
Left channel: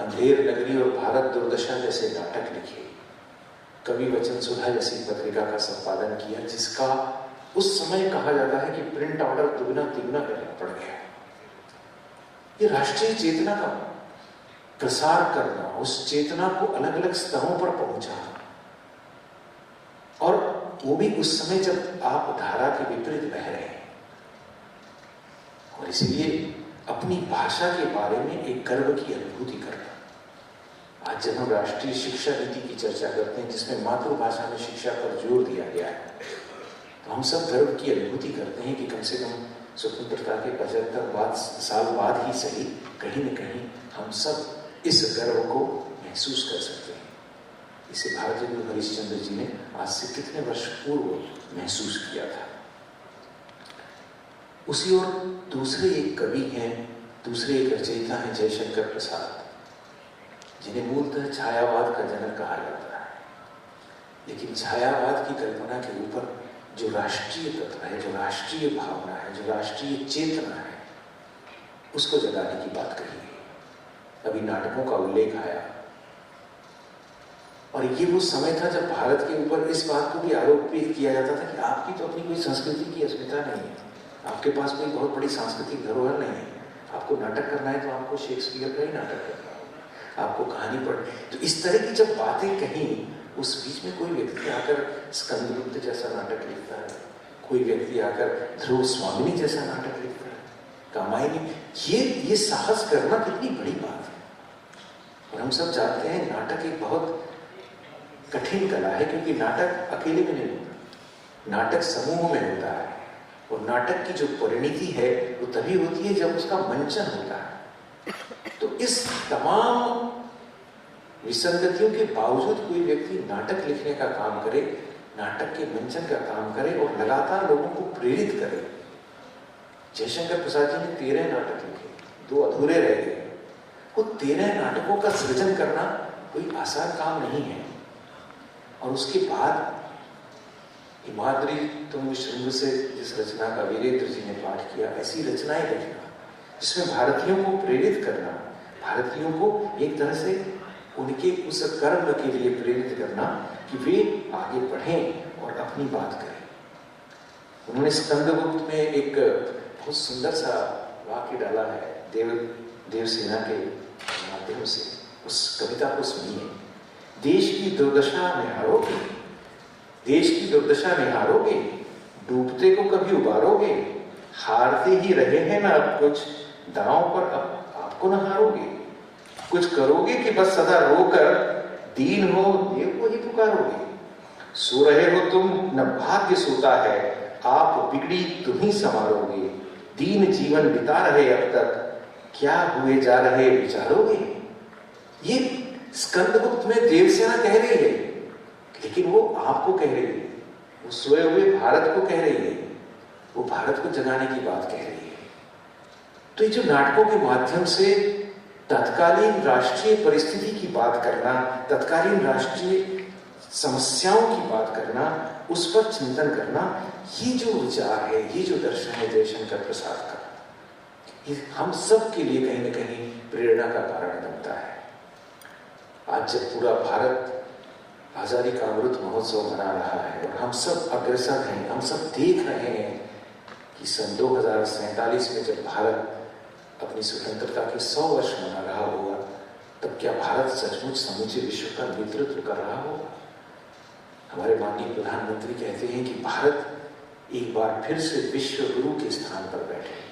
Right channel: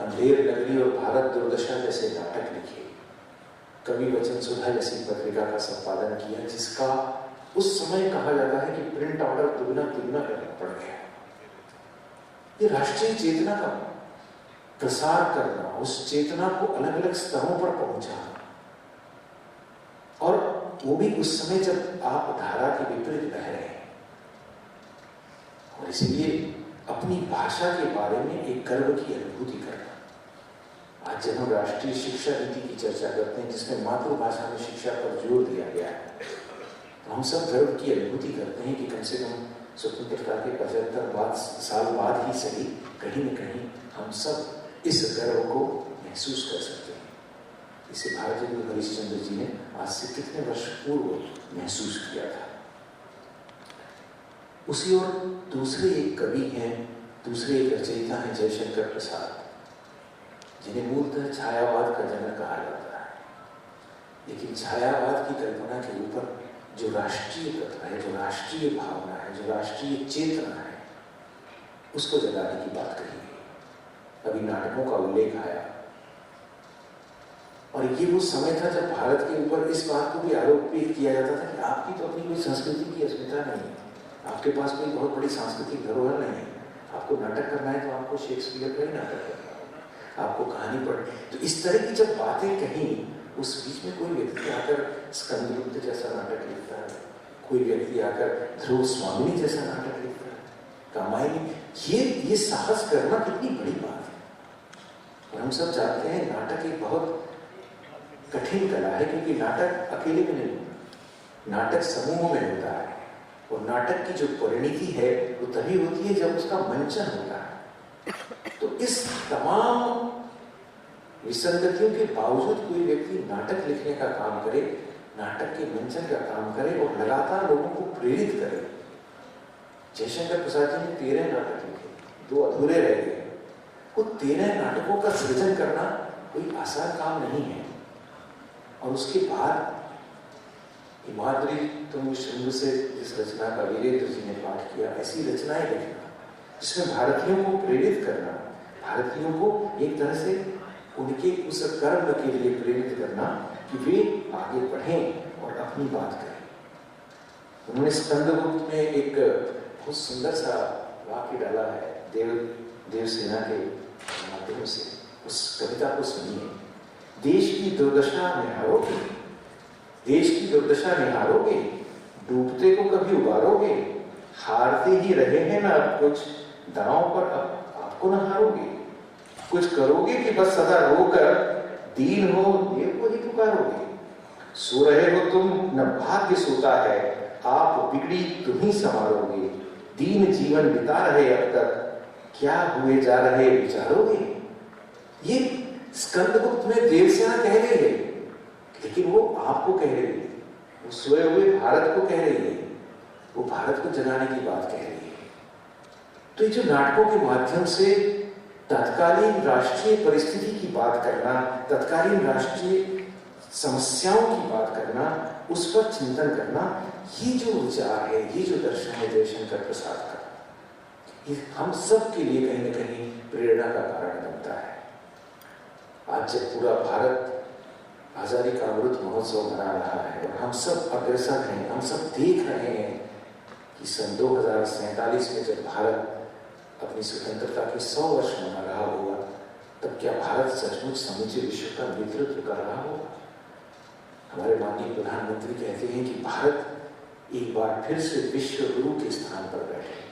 अंधेर नगरी और भारत दुर्दशा जैसे नाटक लिखे, कवि वचन सुधा जैसी पत्रिका का संपादन किया, जिसका उस समय कहा जाता है कि प्रिंट ऑर्डर दुगना तिगुना करना पड़ गया। ये राष्ट्रीय चेतना का प्रसार करना, उस चेतना को अलग अलग स्तरों पर पहुंचाना, और वो भी उस समय जब आप धारा के विपरीत बह रहे हैं, और इसलिए अपनी भाषा के बारे में एक गर्व की अनुभूति करना। आज जब हम राष्ट्रीय शिक्षा नीति की चर्चा करते हैं, जिसमें मातृभाषा में शिक्षा पर जोर दिया गया है, तो हम सब गर्व की अनुभूति करते हैं कि कम से कम स्वतंत्रता के 75 साल बाद ही सही कहीं न कहीं हम सब इस गर्व को महसूस कर सकते हैं। इसे भारत गुरु हरिश्चंद्र जी ने आज से कितने वर्ष पूर्व महसूस किया था। उसी ओर दूसरे एक कवि हैं, दूसरे एक रचयिता हैं जयशंकर प्रसाद, जिन्हें मूलतः छायावाद का जनक कहा जाता है। लेकिन छायावाद की कल्पना के ऊपर जो राष्ट्रीय तत्व है, जो राष्ट्रीय भावना है, जो राष्ट्रीय चेतना है, उसको जगाने की बात कही गई। अभी नाटकों का उल्लेख आया और ये वो समय था जब भारत के ऊपर इस बात को भी आरोप किया जाता था कि आपकी तो अपनी कोई संस्कृति की अस्मिता नहीं है, आपके पास कोई बहुत बड़ी सांस्कृतिक धरोहर नहीं है। आपको नाटक करना है तो आपको शेक्सपियर का ही नाटक करना है, आपको कहानी पढ़। तो इस तरह की जब बातें कहीं, उस बीच में कोई व्यक्ति आकर स्कंदगुप्त जैसा नाटक लिखता है, कोई व्यक्ति आकर ध्रुव स्वामिनी जैसा नाटक लिखता है, कामायनी। ये साहस करना कितनी बड़ी बात है। और हम सब जानते हैं नाटक एक बहुत कठिन कला है, क्योंकि नाटक अकेले में नहीं होता, नाटक समूह में होता है। और नाटक की जो परिणति है वो तभी होती है जब उसका मंचन होता है। तो इस तमाम विसंगतियों के बावजूद कोई व्यक्ति नाटक लिखने का काम करे, नाटक के मंचन का काम करे और लगातार लोगों को प्रेरित करे। जयशंकर प्रसाद जी ने 13 नाटक लिखे, 2 अधूरे रह गए। वो 13 नाटकों का सृजन करना कोई आसान काम नहीं है। और उसके बाद हिमाद्री तुंग श्रृंग से जिस रचना का वीरेंद्र जी ने पाठ किया, ऐसी रचनाएं लिखना जिसमें भारतीयों को प्रेरित करना, भारतीयों को एक तरह से उनके उस कर्म के लिए प्रेरित करना कि वे आगे बढ़ें और अपनी बात करें। उन्होंने स्कंदगुप्त में एक बहुत सुंदर सा वाक्य डाला है देवसेना के माध्यम से। उस कविता को सुनिए। देश की दुर्दशा निहारोगे, देश की दुर्दशा निहारोगे, डूबते को कभी उबारोगे, हारते ही रहे हैं ना अब कुछ, दांव पर अब आपको न हारोगे। कुछ करोगे कि बस सदा रोकर, दीन हो देव को ही पुकारोगे। सो रहे हो तुम न भाग्य सोता है, आप बिगड़ी तुम ही संवारोगे। दीन जीवन बिता रहे अब तक, क्या हुए जा रहे विचारोगे। ये स्कंदगुप्त में देवसेना कह रही है, लेकिन वो आपको कह रही है, वो सोए हुए भारत को कह रही है, वो भारत को जगाने की बात कह रही है। तो ये जो नाटकों के माध्यम से तत्कालीन राष्ट्रीय परिस्थिति की बात करना, तत्कालीन राष्ट्रीय समस्याओं की बात करना, उस पर चिंतन करना, ये जो विचार है, ये जो दर्शन है जयशंकर प्रसाद का, ये हम सब के लिए कहीं न कहीं प्रेरणा का कारण बनता है। आज जब पूरा भारत आजादी का अमृत महोत्सव मना रहा है और हम सब अग्रसर हैं, हम सब देख रहे हैं कि सन 2047 में जब भारत अपनी स्वतंत्रता के 100 वर्ष मना रहा होगा, तब क्या भारत सचमुच समूचे विश्व का नेतृत्व कर रहा होगा। हमारे माननीय प्रधानमंत्री कहते हैं कि भारत एक बार फिर से विश्व गुरु के स्थान पर बैठे।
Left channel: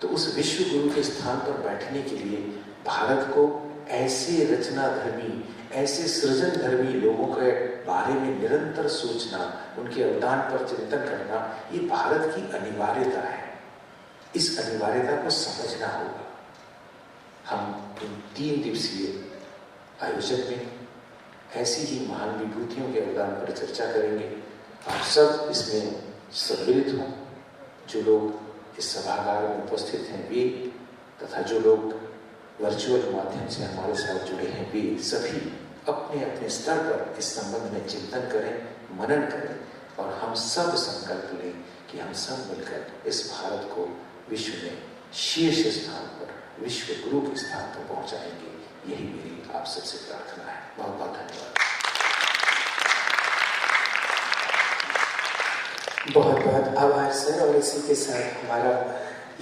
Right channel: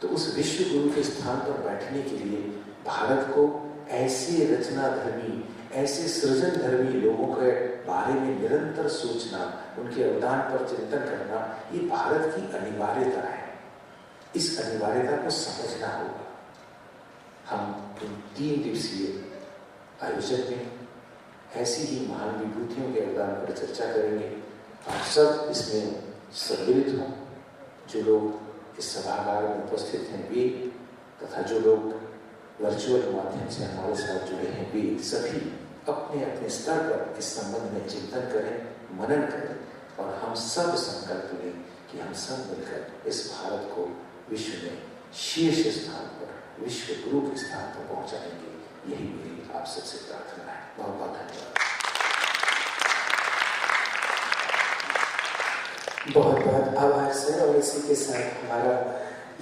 तो उस विश्व गुरु के स्थान पर बैठने के लिए भारत को ऐसे रचनाधर्मी, ऐसे सृजनधर्मी लोगों के बारे में निरंतर सोचना, उनके अवदान पर चिंतन करना, ये भारत की अनिवार्यता है। इस अनिवार्यता को समझना होगा। हम इन 3 दिवसीय आयोजन में ऐसी ही महान विभूतियों के अवदान पर चर्चा करेंगे। आप सब इसमें सम्मिलित हों, जो लोग इस सभागार में उपस्थित हैं वे, तथा जो लोग वर्चुअल माध्यम से हमारे साथ जुड़े हैं वे सभी अपने अपने स्तर पर इस संबंध में चिंतन करें, मनन करें और हम सब संकल्प लें कि हम सब मिलकर इस भारत को विश्व में शीर्ष स्थान पर, विश्व गुरु के स्थान पर पहुंचाएंगे। यही मेरी आप सबसे प्रार्थना है। बहुत बहुत धन्यवाद। बहुत बहुत आभार सर। और इसी के साथ हमारा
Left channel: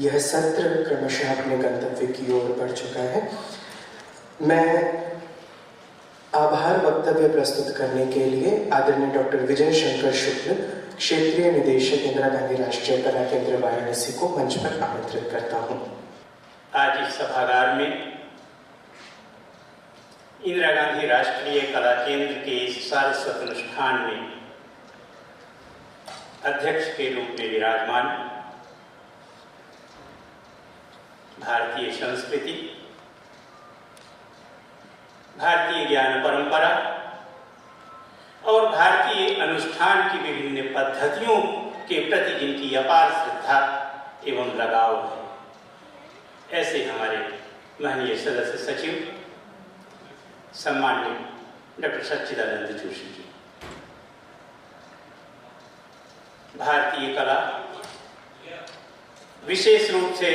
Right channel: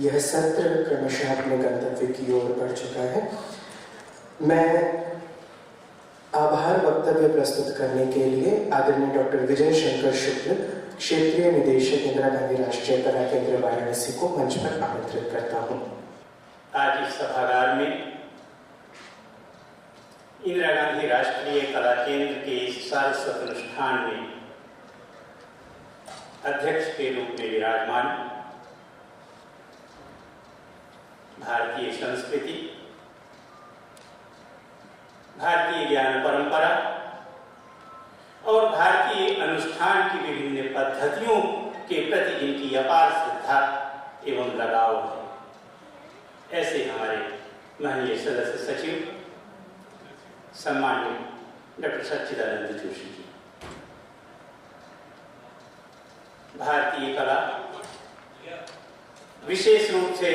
यह सत्र क्रमशः अपने गंतव्य की ओर बढ़ चुका है। मैं आभार वक्तव्य प्रस्तुत करने के लिए आदरणीय डॉक्टर विजय शंकर शुक्ल, क्षेत्रीय निदेशक इंदिरा गांधी राष्ट्रीय कला केंद्र वाराणसी को मंच पर आमंत्रित करता हूं। आज इस सभागार में इंदिरा गांधी राष्ट्रीय कला केंद्र के इस सारस्वत अनुष्ठान में अध्यक्ष के रूप में विराजमान भारतीय संस्कृति, भारतीय ज्ञान परंपरा और भारतीय अनुष्ठान की विभिन्न पद्धतियों के प्रति जिनकी अपार श्रद्धा एवं लगाव है, ऐसे हमारे महनीय सदस्य सचिव सम्माननीय डॉक्टर सच्चिदानंद जोशी जी। भारतीय कला विशेष रूप से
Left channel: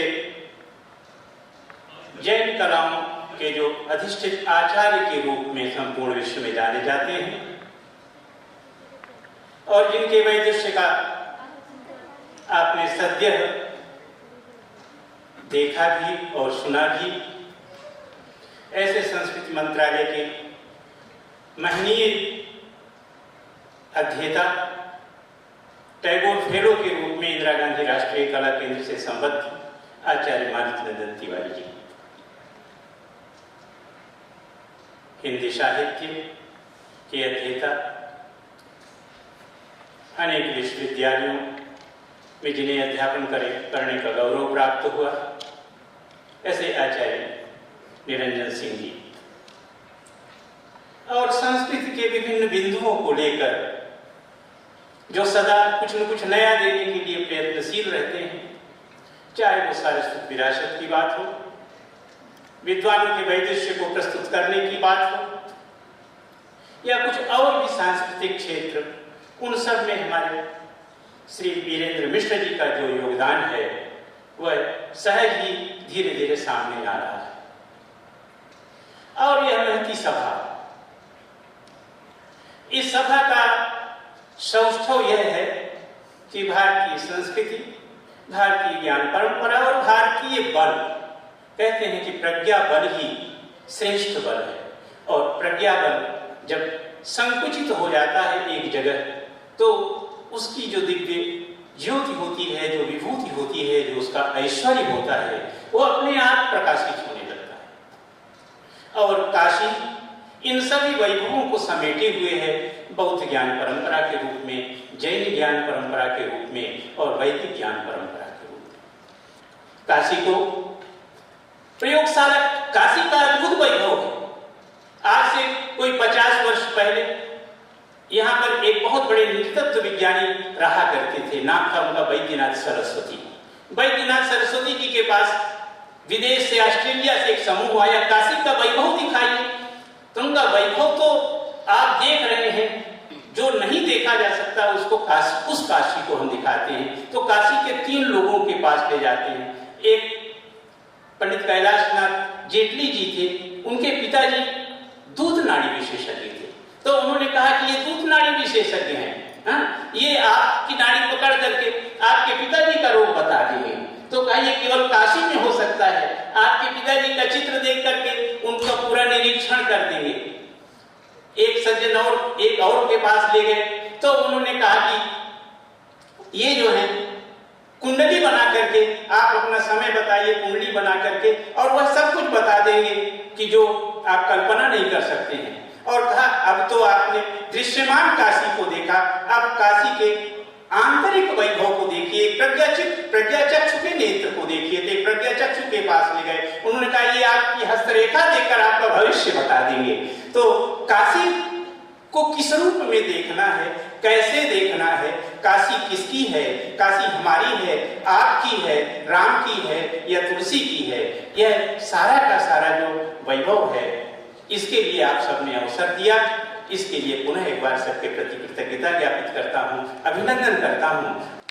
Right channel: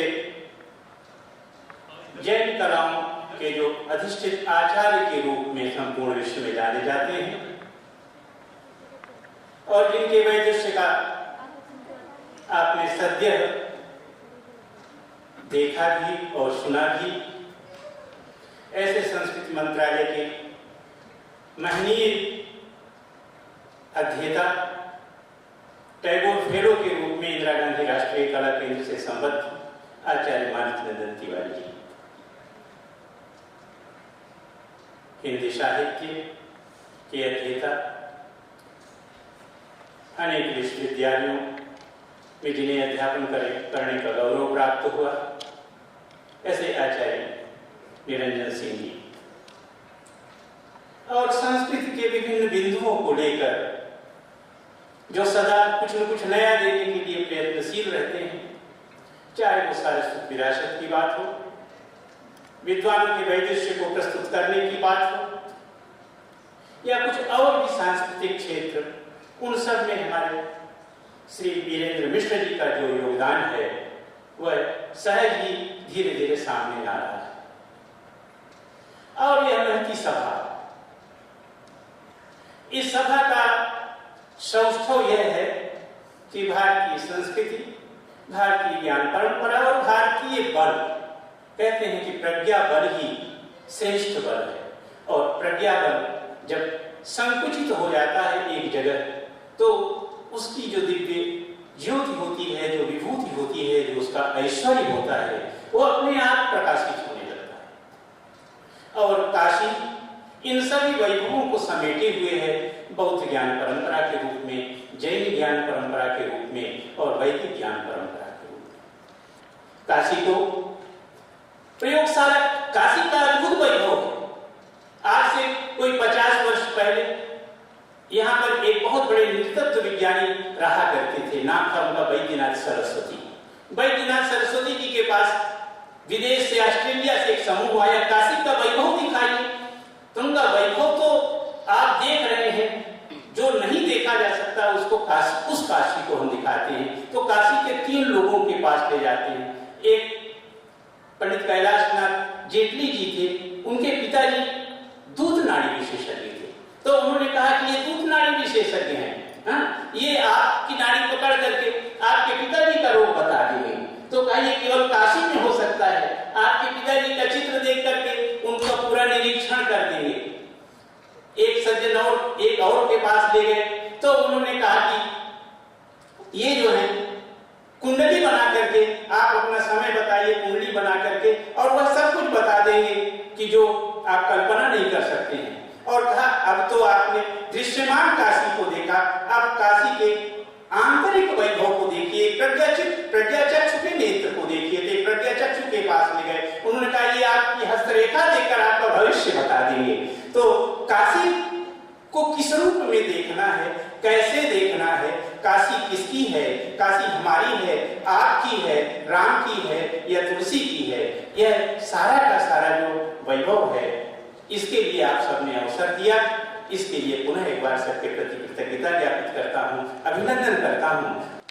जैन कलाओं के जो अधिष्ठित आचार्य के रूप में संपूर्ण विश्व में जाने जाते हैं और जिनके वैदुष्य का आपने सद्य देखा भी और सुना भी, ऐसे संस्कृति मंत्रालय के महनीय अध्येता, टैगोर फेलो के रूप में इंदिरा गांधी राष्ट्रीय कला केंद्र से संबद्ध आचार्य मानसनंदन तिवारी जी, हिंदी साहित्य के अध्येता, अनेक विश्वविद्यालयों में जिन्हें अध्यापन करने का गौरव प्राप्त हुआ, ऐसे आचार्य निरंजन सिंह जी, और संस्कृति के विभिन्न बिंदुओं को लेकर जो सदा कुछ न कुछ नया देने के लिए प्रयत्नशील रहते हैं, चाहे वो सारस्वत विरासत की बात हो, विद्वानों के वैदुष्य को प्रस्तुत करने की बात हो, या कुछ और भी सांस्कृतिक क्षेत्र, उन सब में हमारे श्री वीरेंद्र मिश्र जी का जो योगदान है वह सहज ही धीरे धीरे सामने आ रहा है। और यह महती सभा, इस सभा का सौष्ठव यह है कि भारतीय संस्कृति, भारतीय ज्ञान परंपरा और भारतीय बल, कहते हैं कि प्रज्ञा बल ही श्रेष्ठ बल है, और प्रज्ञा बल जब संकुचित हो जाता है एक जगह, तो उसकी जो दिव्य ज्योति होती है, जो विभूति होती है, जो उसका ऐश्वर्य होता है, वो अपने आप प्रकाशित होने लगता है। और काशी इन सभी वैभवों को समेटे हुए है, बौद्ध ज्ञान परंपरा के रूप में, जैन ज्ञान परंपरा के रूप में और वैदिक ज्ञान परंपरा के रूप में। काशी को प्रयोगशाला, काशी का अद्भुत वैभव है। आज से कोई 50 वर्ष पहले यहाँ पर एक बहुत बड़े नृतत्व विज्ञानी रहा करते थे, नाम था उनका वैद्यनाथ सरस्वती। वैद्यनाथ सरस्वती जी के पास विदेश से, ऑस्ट्रेलिया से एक समूह आया, काशी का वैभव दिखाइए। तो उनका वैभव तो आप देख रहे हैं, जो नहीं देखा जा सकता उसको काशी, उस काशी को हम दिखाते हैं। तो काशी के 3 लोगों के पास ले जाते हैं। एक पंडित कैलाशनाथ जेटली जी थे, उनके पिताजी दूध नाड़ी विशेषज्ञ थे। तो उन्होंने कहा कि ये दूध नाड़ी विशेषज्ञ हैं, ये आपकी नाड़ी पकड़ करके आपके पिताजी का रोग बता देंगे। तो कहा ये केवल काशी में हो सकता है, आपके पिताजी का चित्र देख करके उनका पूरा निरीक्षण कर देंगे। एक सज्जन और एक और के पास ले गए, तो उन्होंने कहा कि ये जो है कुंडली बना करके आप अपना समय बताइए, कुंडली बना करके, और वह सब कुछ बता देंगे कि जो आप कल्पना नहीं कर सकते हैं। और कहा अब तो आपने दृश्यमान काशी को देखा, अब काशी के आंतरिक वैभव को देखिए, प्रज्ञाचक्षु के नेत्र को देखिए। तो प्रज्ञाचक्षु के पास ले गए, उन्होंने कहा ये आपकी हस्तरेखा देखकर आपका भविष्य बता देंगे। तो काशी को किस रूप में देखना है, कैसे देखना है, काशी किसकी है, काशी हमारी है, आपकी है, राम की है या तुलसी की है, यह सारा का सारा जो वैभव है, इसके लिए आप सबने अवसर दिया। इसके लिए पुनः एक बार सबके प्रति कृतज्ञता ज्ञापित करता हूं, अभिनंदन करता हूं।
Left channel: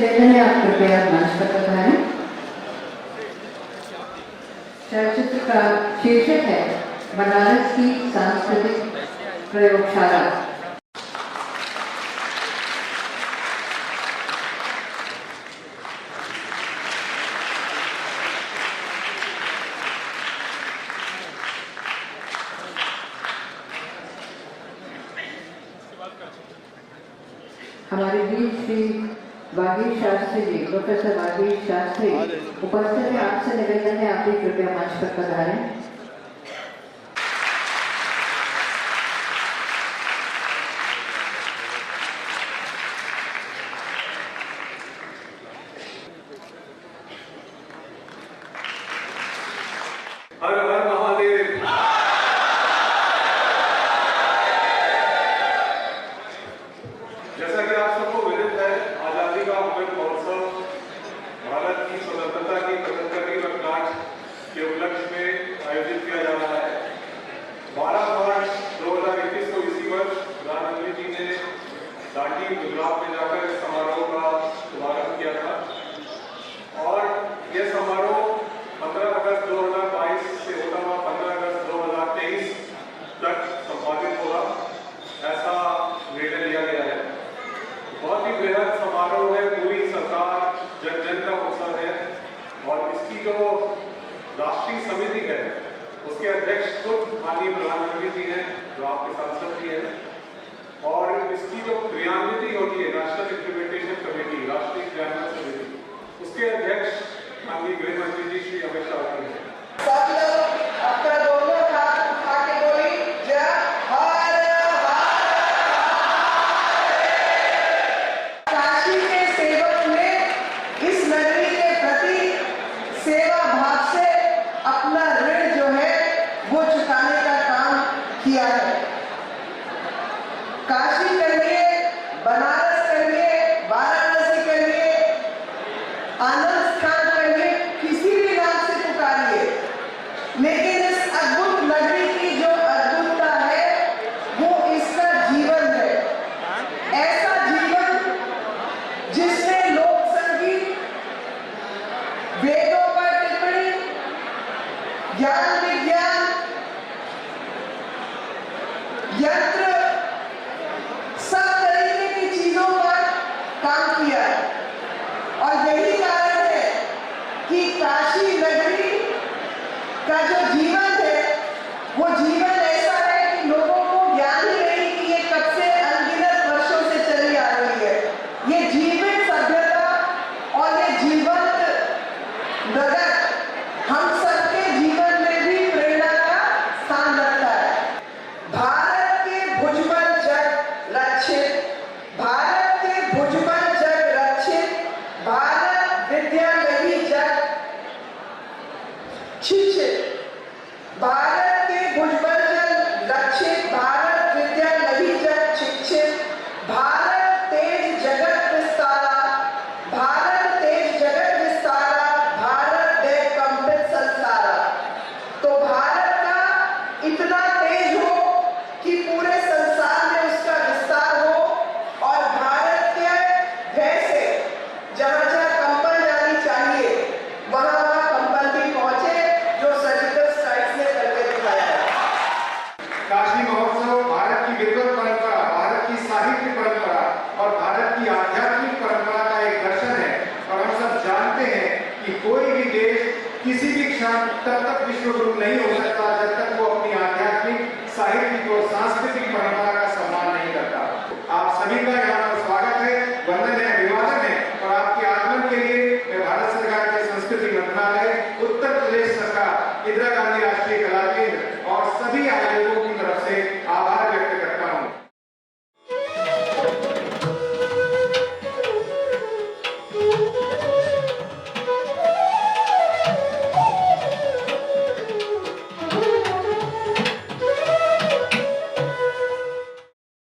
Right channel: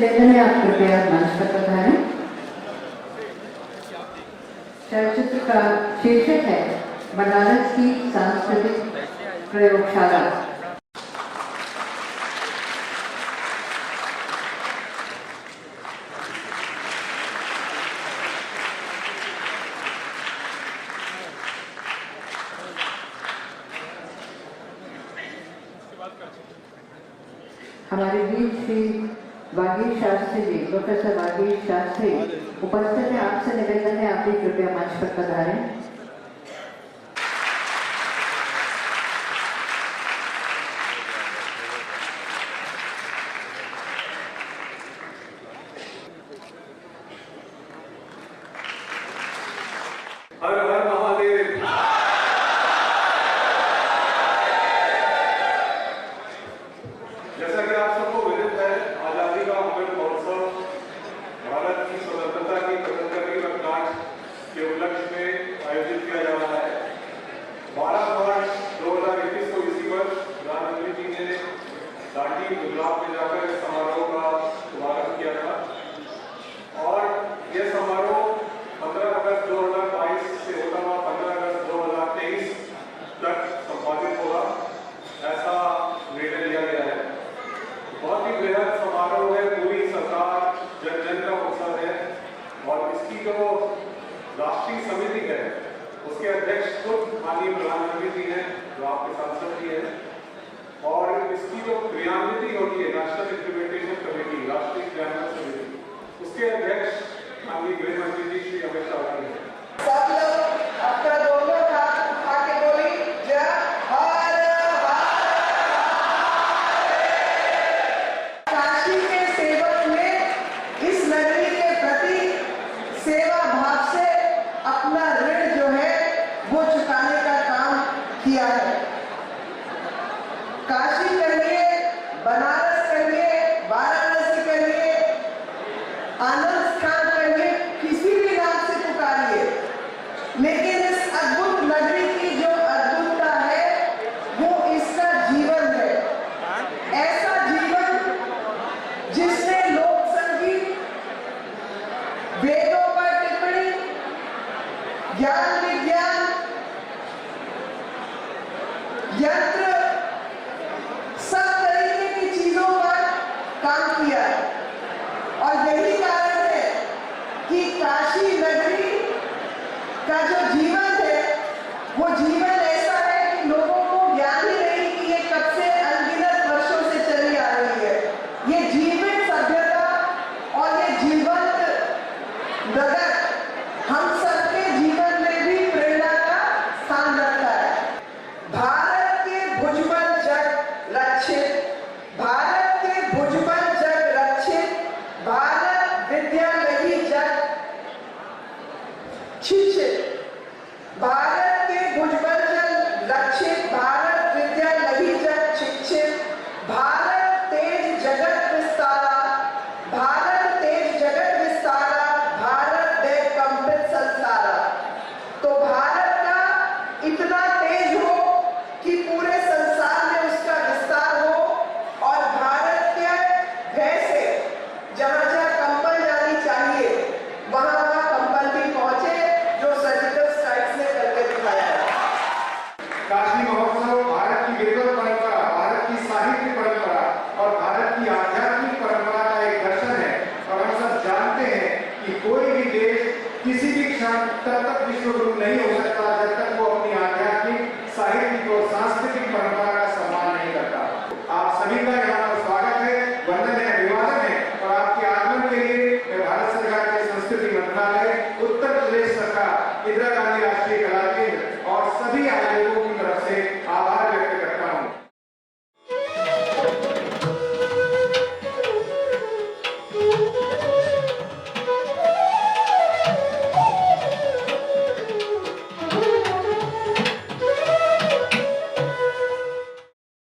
निवेदन है, आप कृपया मंच पर पधारें। चलचित्र का शीर्षक है बनारस की सांस्कृतिक प्रयोगशाला। हमारे बीच श्री वागीश शास्त्री जी, प्रोफेसर वागीश शास्त्री उपस्थित है। आपसे निवेदन है, आप भी कृपया मंच पर पधारें। हर हर महादेव। जैसा कि आप सबको विदित है, आजादी का अमृत महोत्सव भारत की स्वतंत्रता की 75वीं वर्षगांठ के उपलक्ष्य में आयोजित किया जा रहा है। 12 मार्च 2021 को इसी वर्ष प्रधानमंत्री जी ने दांडी गुजरात में जाकर इस समारोह का शुभारंभ किया था और यह समारोह 15 अगस्त 2022 से होता हुआ 15 अगस्त 2023 तक संपादित होगा, ऐसा निर्णय लिया गया है। बहुत ही बृहद समारोह है, पूरी सरकार जन जन का उत्सव है और इसकी जो राष्ट्रीय समिति है उसके अध्यक्ष खुद माननीय प्रधानमंत्री जी हैं, जो आपके सांसद भी हैं, और इसकी जो क्रियान्विति होती है नेशनल इम्प्लीमेंटेशन कमेटी, राष्ट्रीय क्रियान्वयन समिति, उसके अध्यक्ष माननीय गृह मंत्री जी श्री अमित शाह जी हैं। सब लोग अपना दोनों हाथ उठा के बोली जय हर काशी के सेवक ने इस नगरी के प्रति सेवा भाव से अपना ऋण जो है वो चुकाने का काम किया है। काशी करिए, बनारस करिए, वाराणसी करिए, आनंद स्थान करिए, किसी भी नाम से पुकारिए, लेकिन इस अद्भुत नगरी की जो अद्भुतता है वो इसका जीवन है। ऐसा जीवन जिसने लोक संगीत, वेदों पर टिप्पणी, ज्ञान विज्ञान, यंत्र, सब तरीके की चीजों पर काम किया है और यही कारण है कि काशी नगरी का जो जीवन है वो जीवन ऐसा है कि लोगों को ज्ञान ही नहीं कि ये कब से अनगिनत वर्षों से चली आ रही है। ये जीवित सभ्यता और ये जीवंत नगर हम सबके जीवन में भी प्रेरणा का स्थान रखता है। भारत के भुजबल जग रक्षित, भारत के भुजबल जग रक्षित, भारत विद्या लगी जग शिक्षित, भारत के भुजबल जग रक्षित, भारत विद्या लगी जग शिक्षित, भारत तेज जगत विस्तारा, भारत तेज जगत विस्तारा, भारत दे कंपित संसारा। तो भारत का इतना तेज हो कि पूरे संसार में उसका विस्तार हो और भारत के भय से जहां जहां कंपन जानी चाहिए वहां वहां कंपन भी पहुंचे, जो सर्जिकल स्ट्राइक्स ने करके दिखाया है। काशी महोत्सव भारत की विद्वत परंपरा, भारत की साहित्य परंपरा और भारत की आध्यात्मिक परंपरा का एक दर्शन है और हम सब जानते हैं कि कोई भी देश किसी भी क्षण तब तक विश्व गुरु नहीं हो सकता जब तक वो अपनी आध्यात्मिक, साहित्यिक और सांस्कृतिक परंपरा का सम्मान नहीं करता। आप सभी का यहाँ पर स्वागत है, वंदन है, अभिवादन है और आपके आगमन के लिए मैं भारत सरकार के संस्कृति मंत्रालय, उत्तर प्रदेश सरकार, इंदिरा गांधी राष्ट्रीय कला केंद्र और सभी आयोजकों